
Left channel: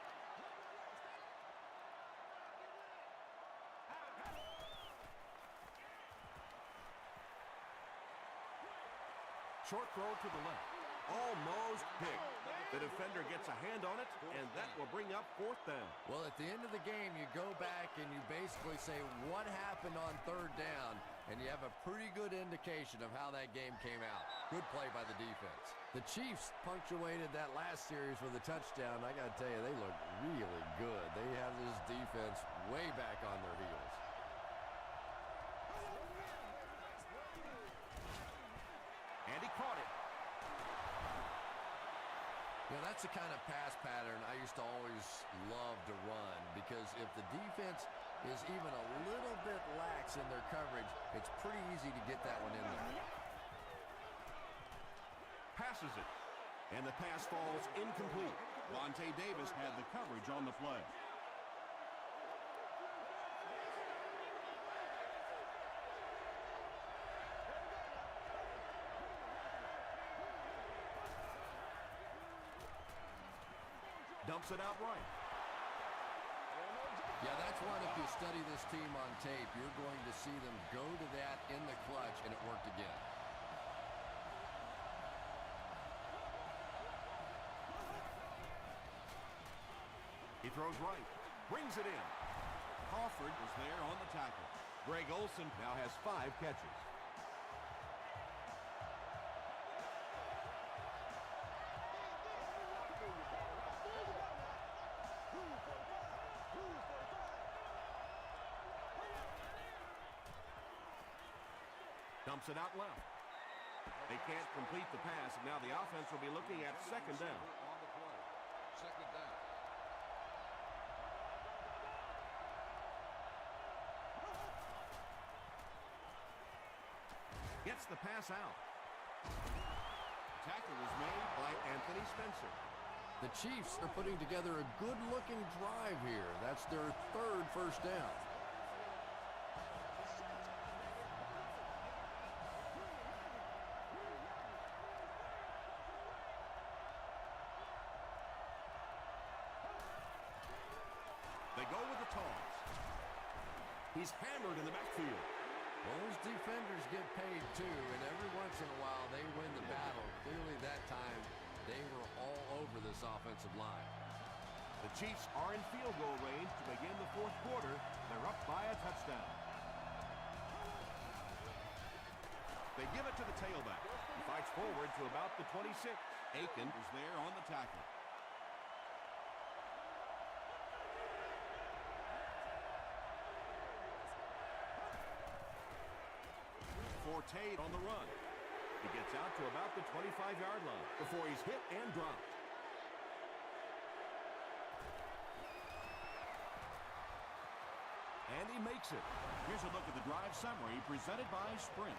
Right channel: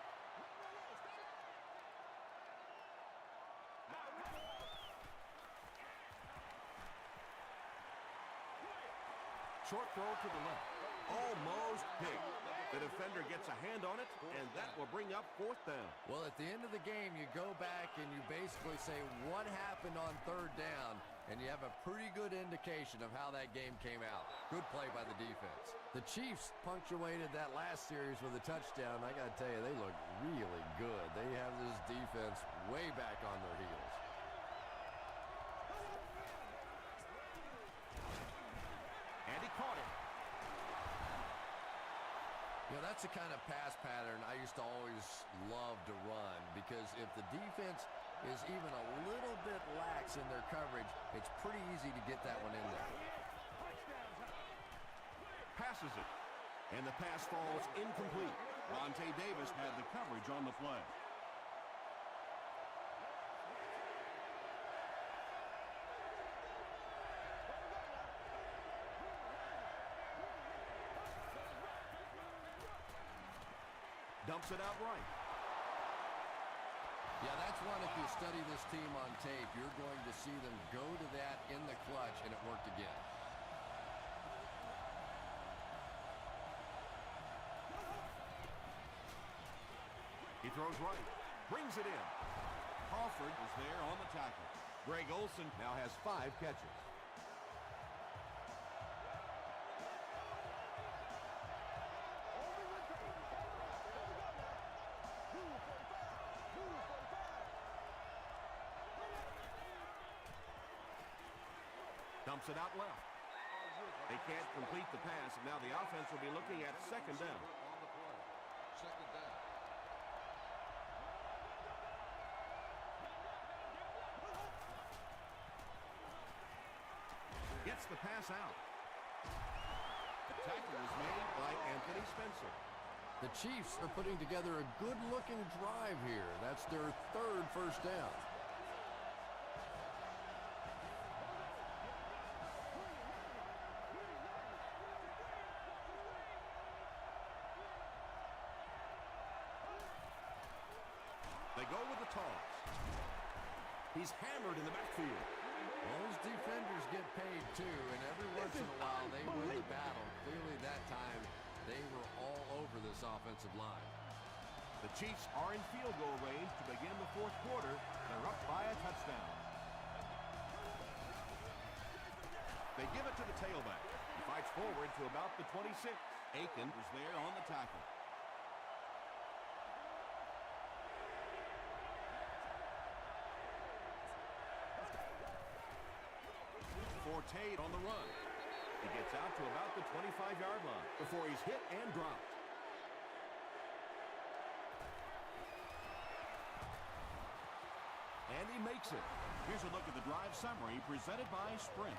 Short throw to the left. Almost picked. The defender gets a hand on it, and that will bring up 4th down. Well, at the end of the game, you go back and you basically say what happened on third down, and you have a pretty good indication of how that game came out. Good play by the defense. The Chiefs punctuated that last series with a touchdown. I got to tell you, they look really good. They have this defense way back on their heels. And he caught it. You know, that's the kind of pass pattern I used to always love to run, because if the defense is even a little bit lax in their coverage, it's pretty easy to get that one in there. Passes it. And the pass falls incomplete. Vontae Davis had the coverage on the play. Dumps it out right. Yeah, that's one, if you study this team on tape, you're going to see them go to that in the clutch, and it worked again. He throws right. Brings it in. Crawford was there on the tackle. Greg Olsen now has 5 catches. Dumps it out left. They can't complete the pass, and now the offense will be looking at 2nd down. Gets the pass out. Tackle was made by Anthony Spencer. The Chiefs are putting together a good-looking drive here. That's their 3rd first down. They go with the toss. He's hammered in the backfield. Well, those defenders get paid too, and every once in a while they win the battle. Clearly that time they were all over this offensive line. The Chiefs are in field goal range to begin the fourth quarter. They're up by a touchdown. They give it to the tailback. He fights forward to about the 26. Aiken is there on the tackle. Forte on the run. He gets out to about the 25-yard line before he's hit and dropped. And he makes it. Here's a look at the drive summary presented by Sprint.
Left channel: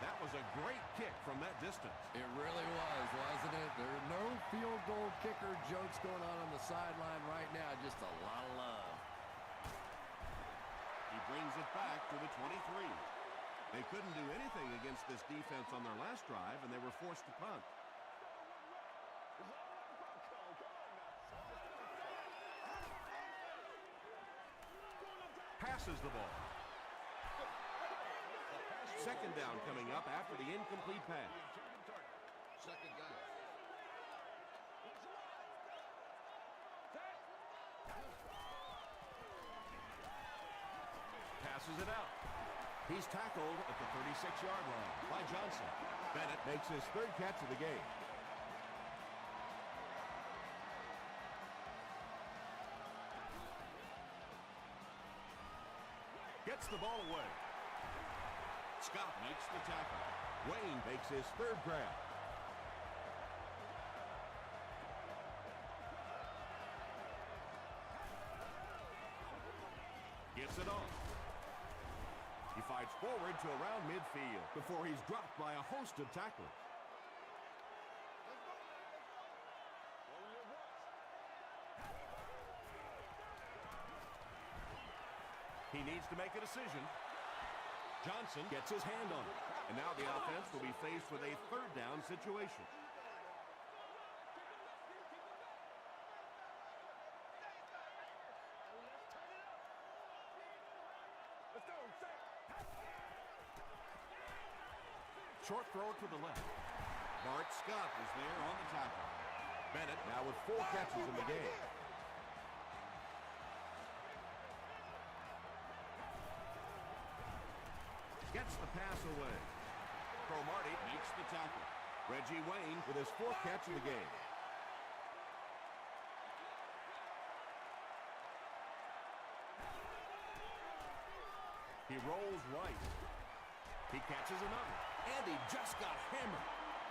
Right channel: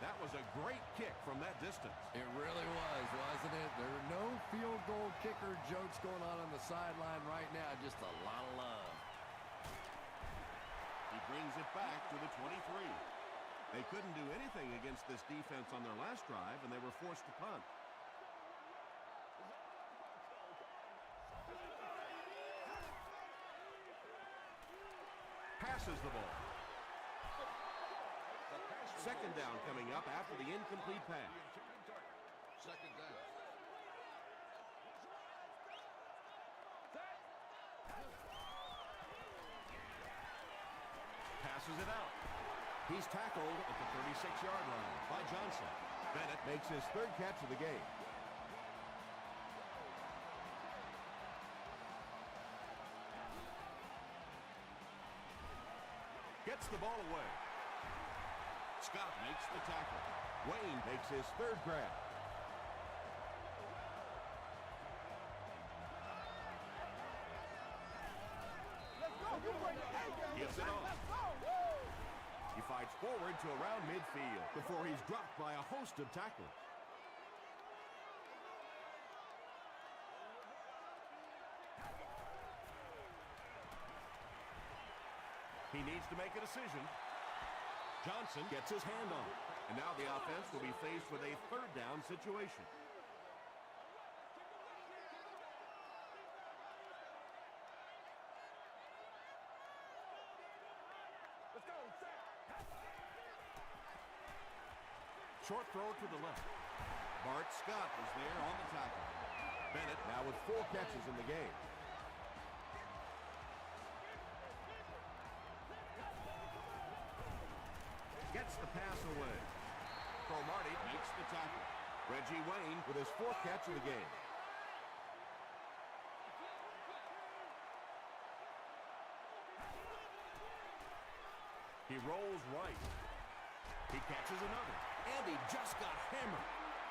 That was a great kick from that distance. It really was, wasn't it? There are no field goal kicker jokes going on the sideline right now. Just a lot of love. He brings it back to the 23. They couldn't do anything against this defense on their last drive, and they were forced to punt. Passes the ball. Second down coming up after the incomplete pass. Second down. Passes it out. He's tackled at the 36-yard line by Johnson. Bennett makes his third catch of the game. Gets the ball away. Scott makes the tackle. Wayne makes his third grab. Gives it on. He fights forward to around midfield before he's dropped by a host of tacklers. He needs to make a decision. Johnson gets his hand on it. And now the offense will be faced with a third down situation. Let's go, set. Short throw to the left. Bart Scott is there on the tackle. Bennett now with 4 catches in the game. Gets the pass away. Cromartie Makes the tackle. Reggie Wayne with his 4th catch of the game. He rolls right. He catches another. And he just got hammered.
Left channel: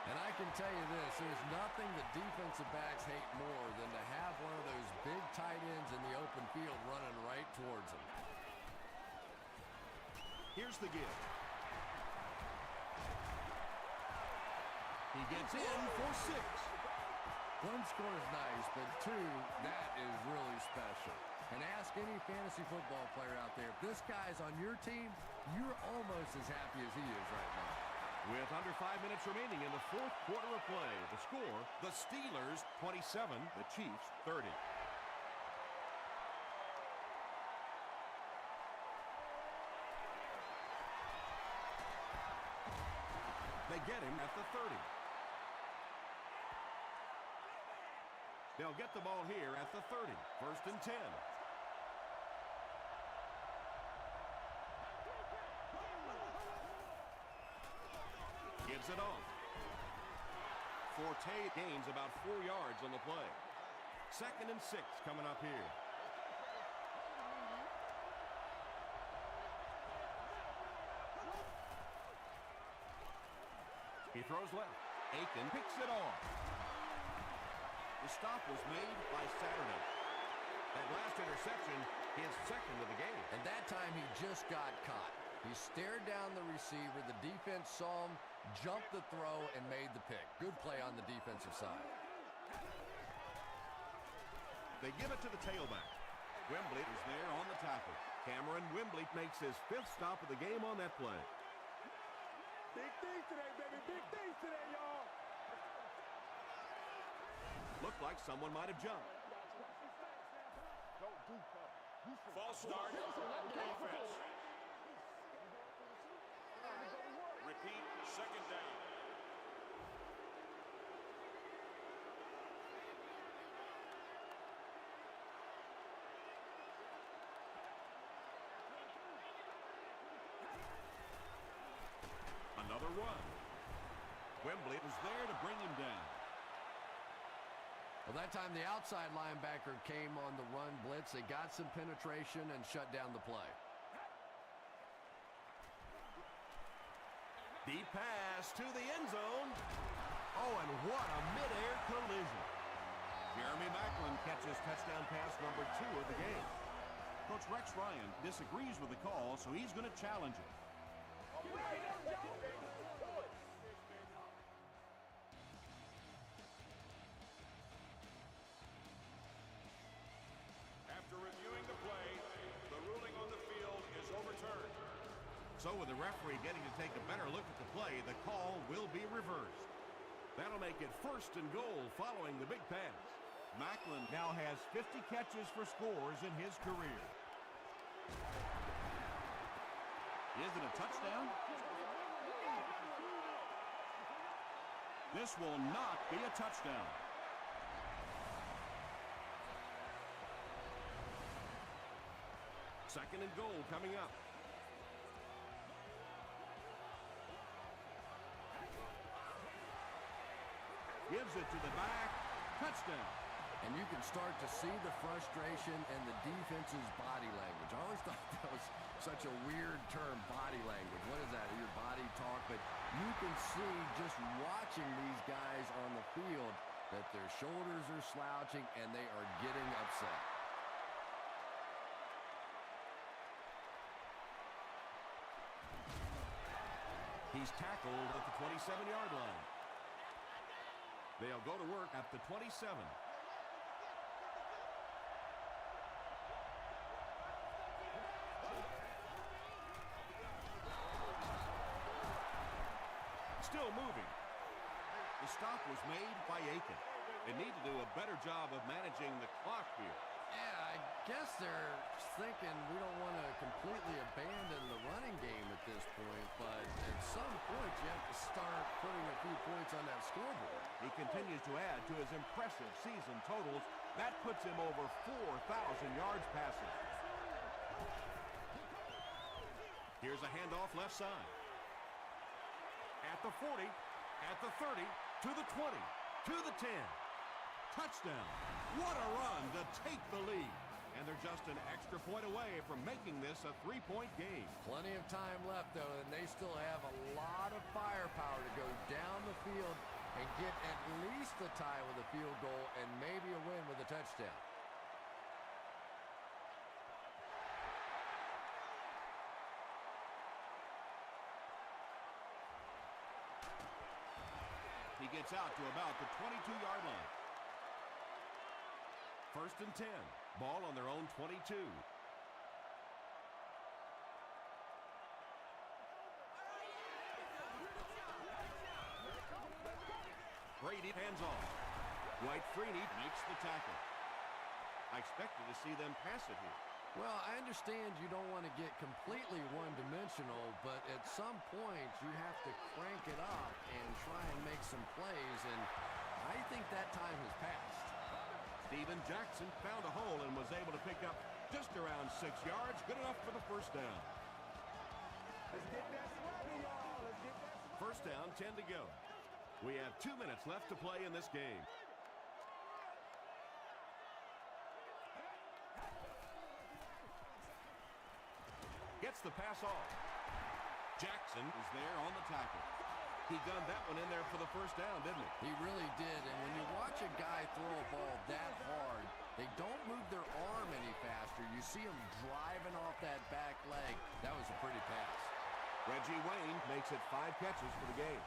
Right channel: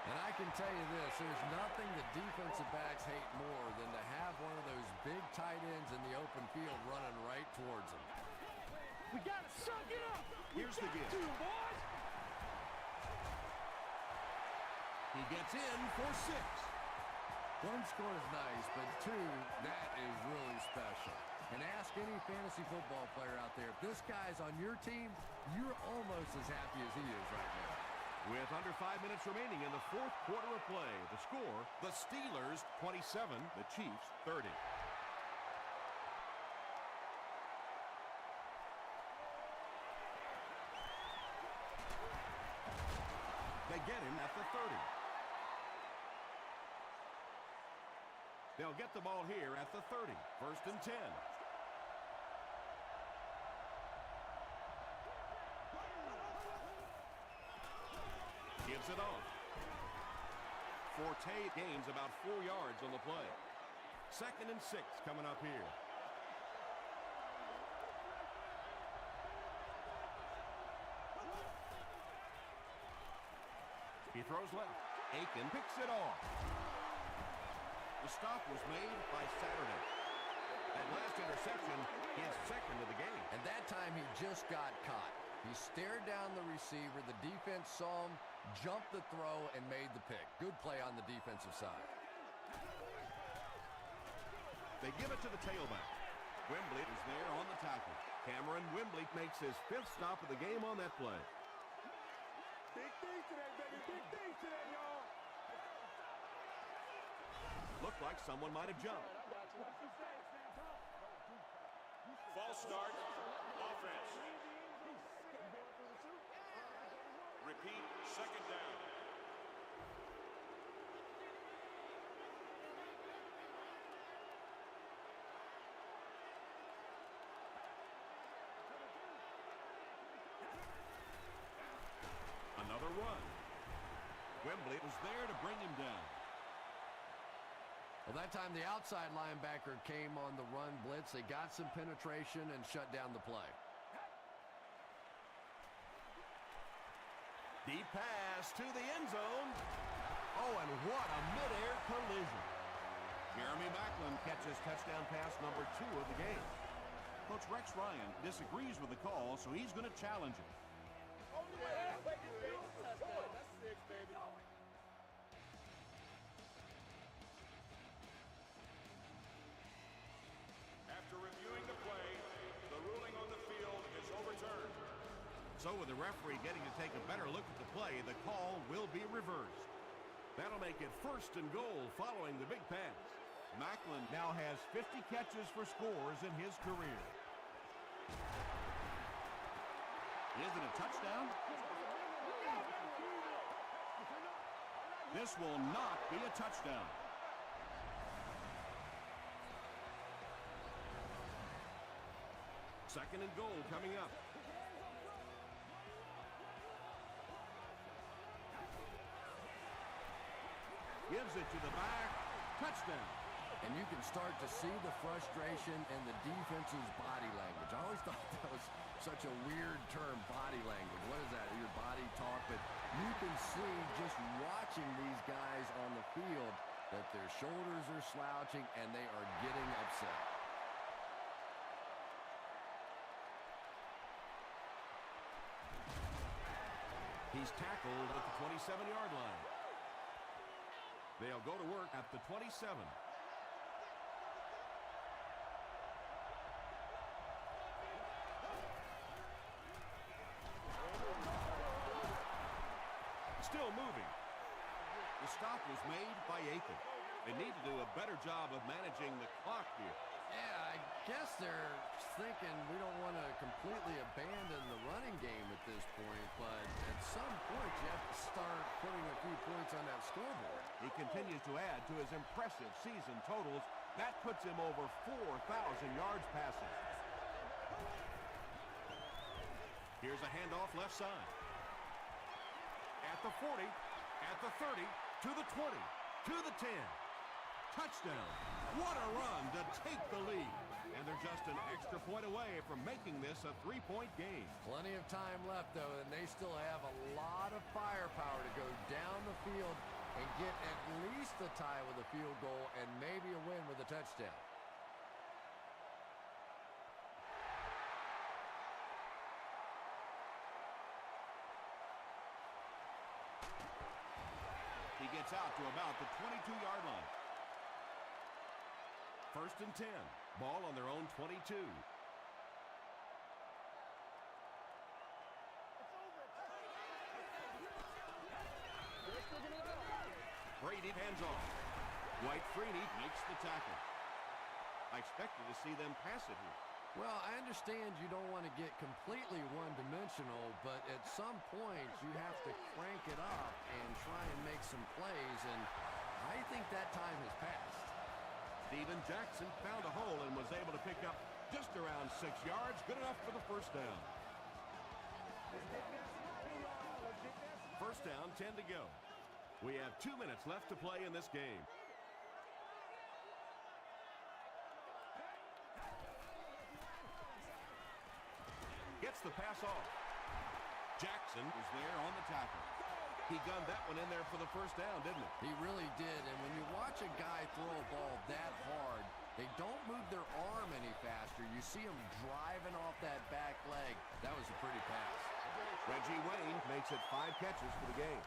And I can tell you this, there's nothing that defensive backs hate more than to have one of those big tight ends in the open field running right towards them. We got to suck it up. Here's the give. He gets in for 6. One score is nice, but 2, that is really special. And ask any fantasy football player out there, if this guy's on your team, you're almost as happy as he is right now. With under 5 minutes remaining in the fourth quarter of play, the score, the Steelers 27, the Chiefs 30. They get him at the 30. They'll get the ball here at the 30. First and 10. Gives it on. Forte gains about 4 yards on the play. Second and 6 coming up here. He throws left. Aiken picks it off. The stop was made by Saturday. That last interception, his second of the game. And that time he just got caught. He stared down the receiver. The defense saw him, jumped the throw, and made the pick. Good play on the defensive side. They give it to the tailback. Wembley is there on the tackle. Cameron Wembley makes his 5th stop of the game on that play. Big things today, baby. Big things today, y'all. Looked like someone might have jumped. I got you. Watch these stats now. Come on. Don't do cover. You see. I put my face on that game. You going through the shoot? All right, let's go to work. Another run. Wembley was there to bring him down. Well, that time the outside linebacker came on the run blitz. They got some penetration and shut down the play. Deep pass to the end zone. Oh, and what a midair collision. Jeremy Maclin Catches touchdown pass number 2 of the game. Coach Rex Ryan disagrees with the call, so he's going to challenge it. So with the referee getting to take a better look at the play, the call will be reversed. That'll make it 1st and goal following the big pass. Maclin Now has 50 catches for scores in his career. Is it a touchdown? This will not be a touchdown. Second and goal coming up. Gives it to the back. Touchdown. And you can start to see the frustration and the defense's body language. I always thought that was such a weird term, body language. What is that? Your body talk? But you can see just watching these guys on the field that their shoulders are slouching and they are getting upset. He's tackled at the 27-yard line. They'll go to work at the 27. Still moving. The stop was made by Aiken. They need to do a better job of managing the clock here. Yeah, I guess they're thinking we don't want to completely abandon the running game at this point, but at some point you have to start putting a few points on that scoreboard. He continues to add to his impressive season totals. That puts him over 4,000 yards passing. Here's a handoff left side. At the 40, at the 30, to the 20, to the 10. Touchdown. What a run to take the lead. And they're just an extra point away from making this a 3-point game. Plenty of time left, though, and they still have a lot of firepower to go down the field and get at least a tie with a field goal and maybe a win with a touchdown. He gets out to about the 22-yard line. 1st and 10. Ball on their own 22. Brady hands off. Dwight Freeney Makes the tackle. I expected to see them pass it here. Well, I understand you don't want to get completely one-dimensional, but at some point you have to crank it up and try and make some plays, and I think that time has passed. Steven Jackson found a hole and was able to pick up just around 6 yards. Good enough for the first down. Let's get that sweaty, y'all. Let's get that sweaty. First down, 10 to go. We have 2 minutes left to play in this game. Gets the pass off. Jackson was there on the tackle. He gunned that one in there for the first down, didn't he? He really did, and when you watch a guy throw a ball that hard, they don't move their arm any faster. You see him driving off that back leg. That was a pretty pass. Reggie Wayne makes it 5 catches for the game.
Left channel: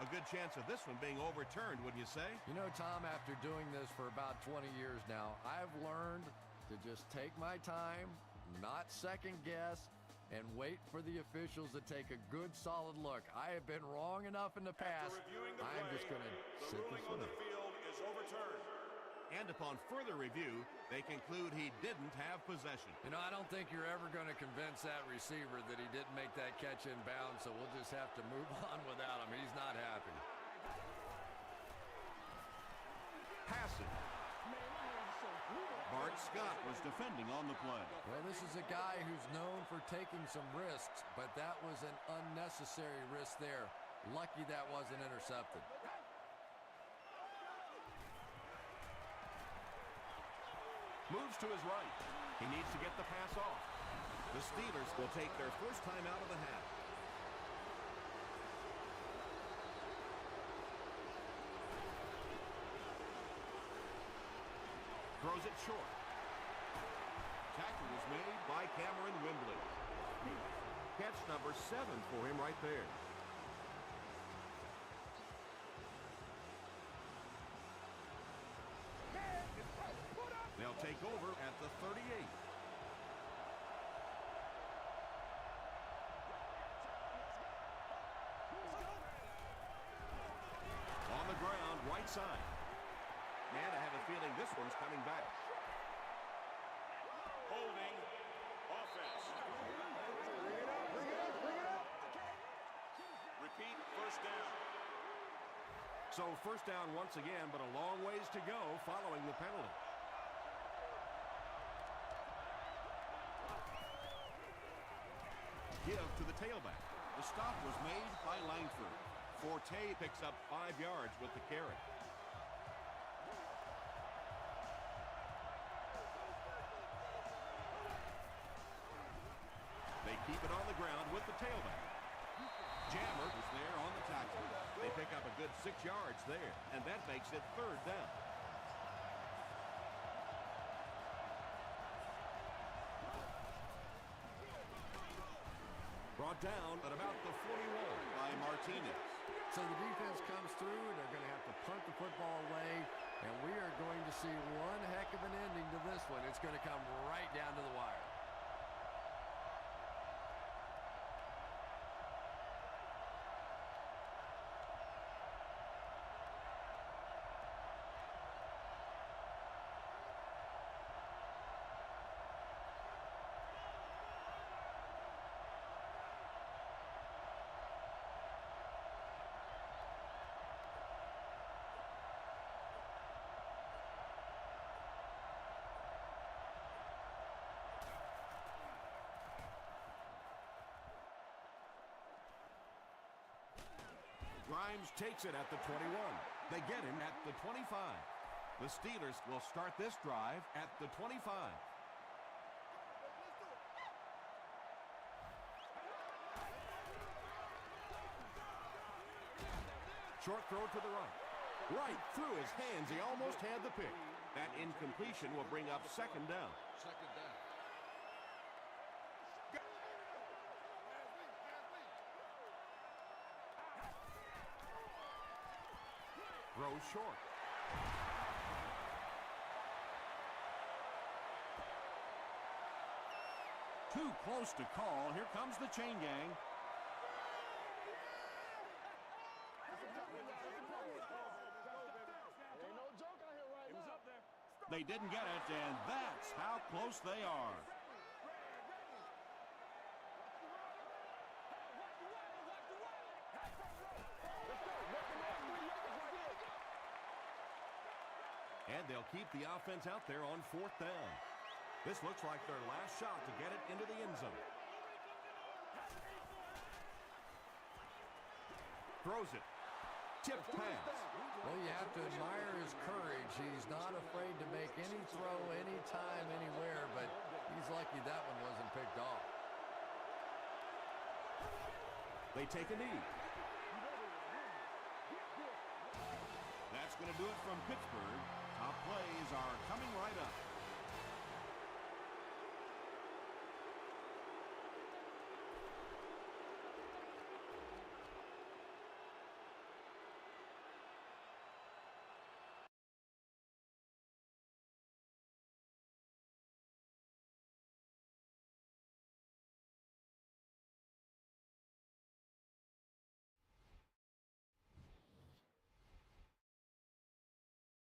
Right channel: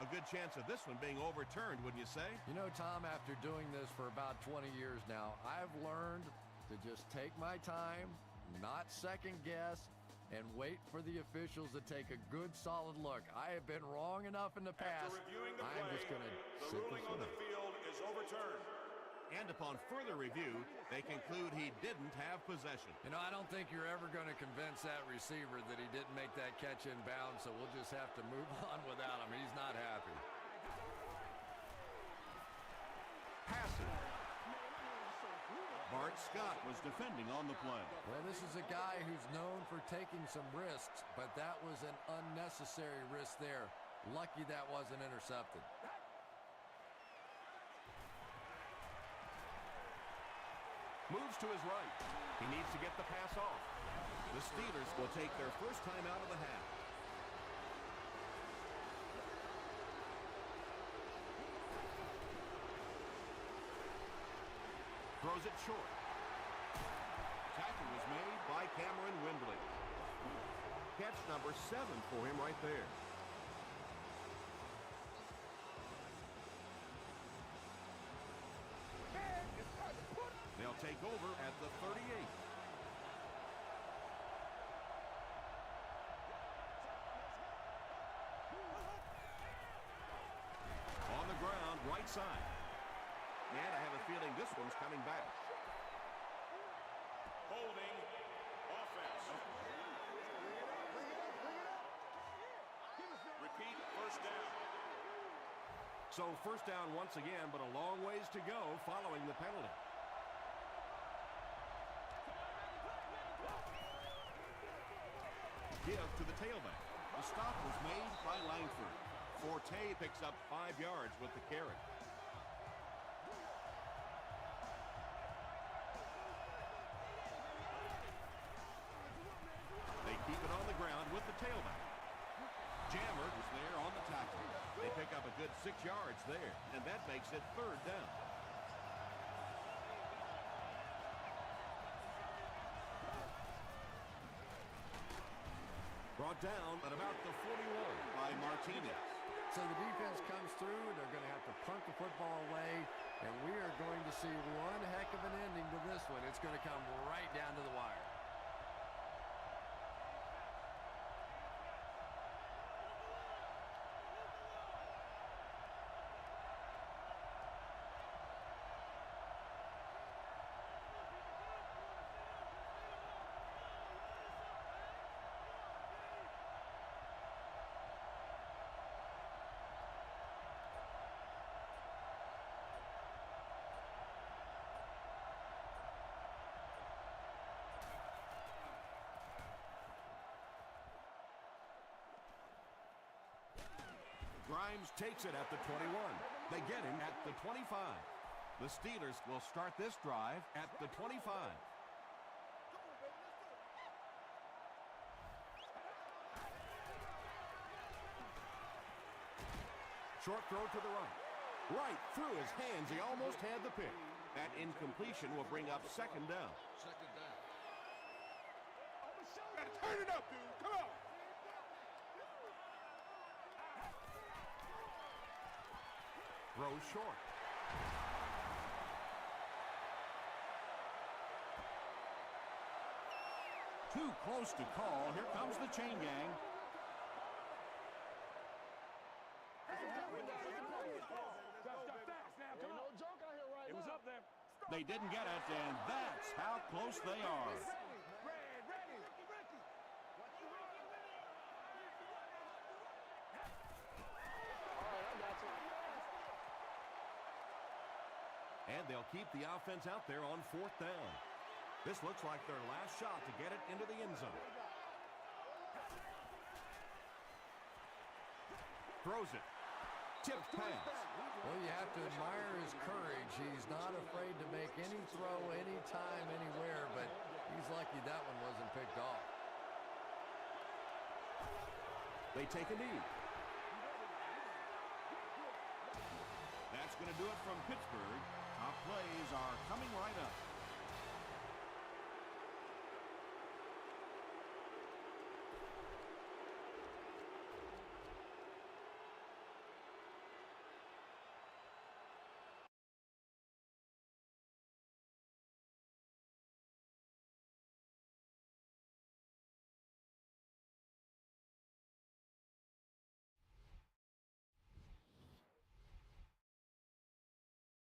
A good chance of this one being overturned, wouldn't you say? You know, Tom, after doing this for about 20 years now, I've learned to just take my time, not second guess, and wait for the officials to take a good, solid look. I have been wrong enough in the past. I'm just going to sit this one out. And upon further review, they conclude he didn't have possession. You know, I don't think you're ever going to convince that receiver that he didn't make that catch in bounds, so we'll just have to move on without him. He's not happy. Passes. Man, my hands are so cool. Bart Scott was defending on the play. Well, this is a guy who's known for taking some risks, but that was an unnecessary risk there. Lucky that wasn't intercepted. Moves to his right. He needs to get the pass off. The Steelers will take their first time out of the half. Throws it short. Tackle was made by Cameron Wembley. Catch number 7 for him right there. Man, it's time to put up. They'll take over at the 38. On the ground, right side. Man, I have a feeling this one's coming back. So first down once again, but a long ways to go following the penalty. Give to the tailback. The stop was made by Langford. Forte picks up 5 yards with the carry. They keep it on the ground with the tailback. Jammer was there on the tackle. They pick up a good 6 yards there, and that makes it third down. Brought down at about the 41 by Martinez. So the defense comes through, and they're going to have to punt the football away, and we are going to see one heck of an ending to this one. It's going to come right down to the wire. Grimes takes it at the 21. They get him at the 25. The Steelers will start this drive at the 25. Come on, baby, let's do it. Short throw to the right. Right through his hands. He almost had the pick. That incompletion will bring up second down. Second down. Gotta turn it up, dude. Come on. Throws short. Too close to call. Here comes the chain gang. Ain't no joke out here right now. It was up there. They didn't get it, and that's how close they are. And they'll keep the offense out there on fourth down. This looks like their last shot to get it into the end zone. Throws it. Tipped pass. Well, you have to admire his courage. He's not afraid to make any throw, anytime, anywhere, but he's lucky that one wasn't picked off. They take a knee. That's going to do it from Pittsburgh. Top play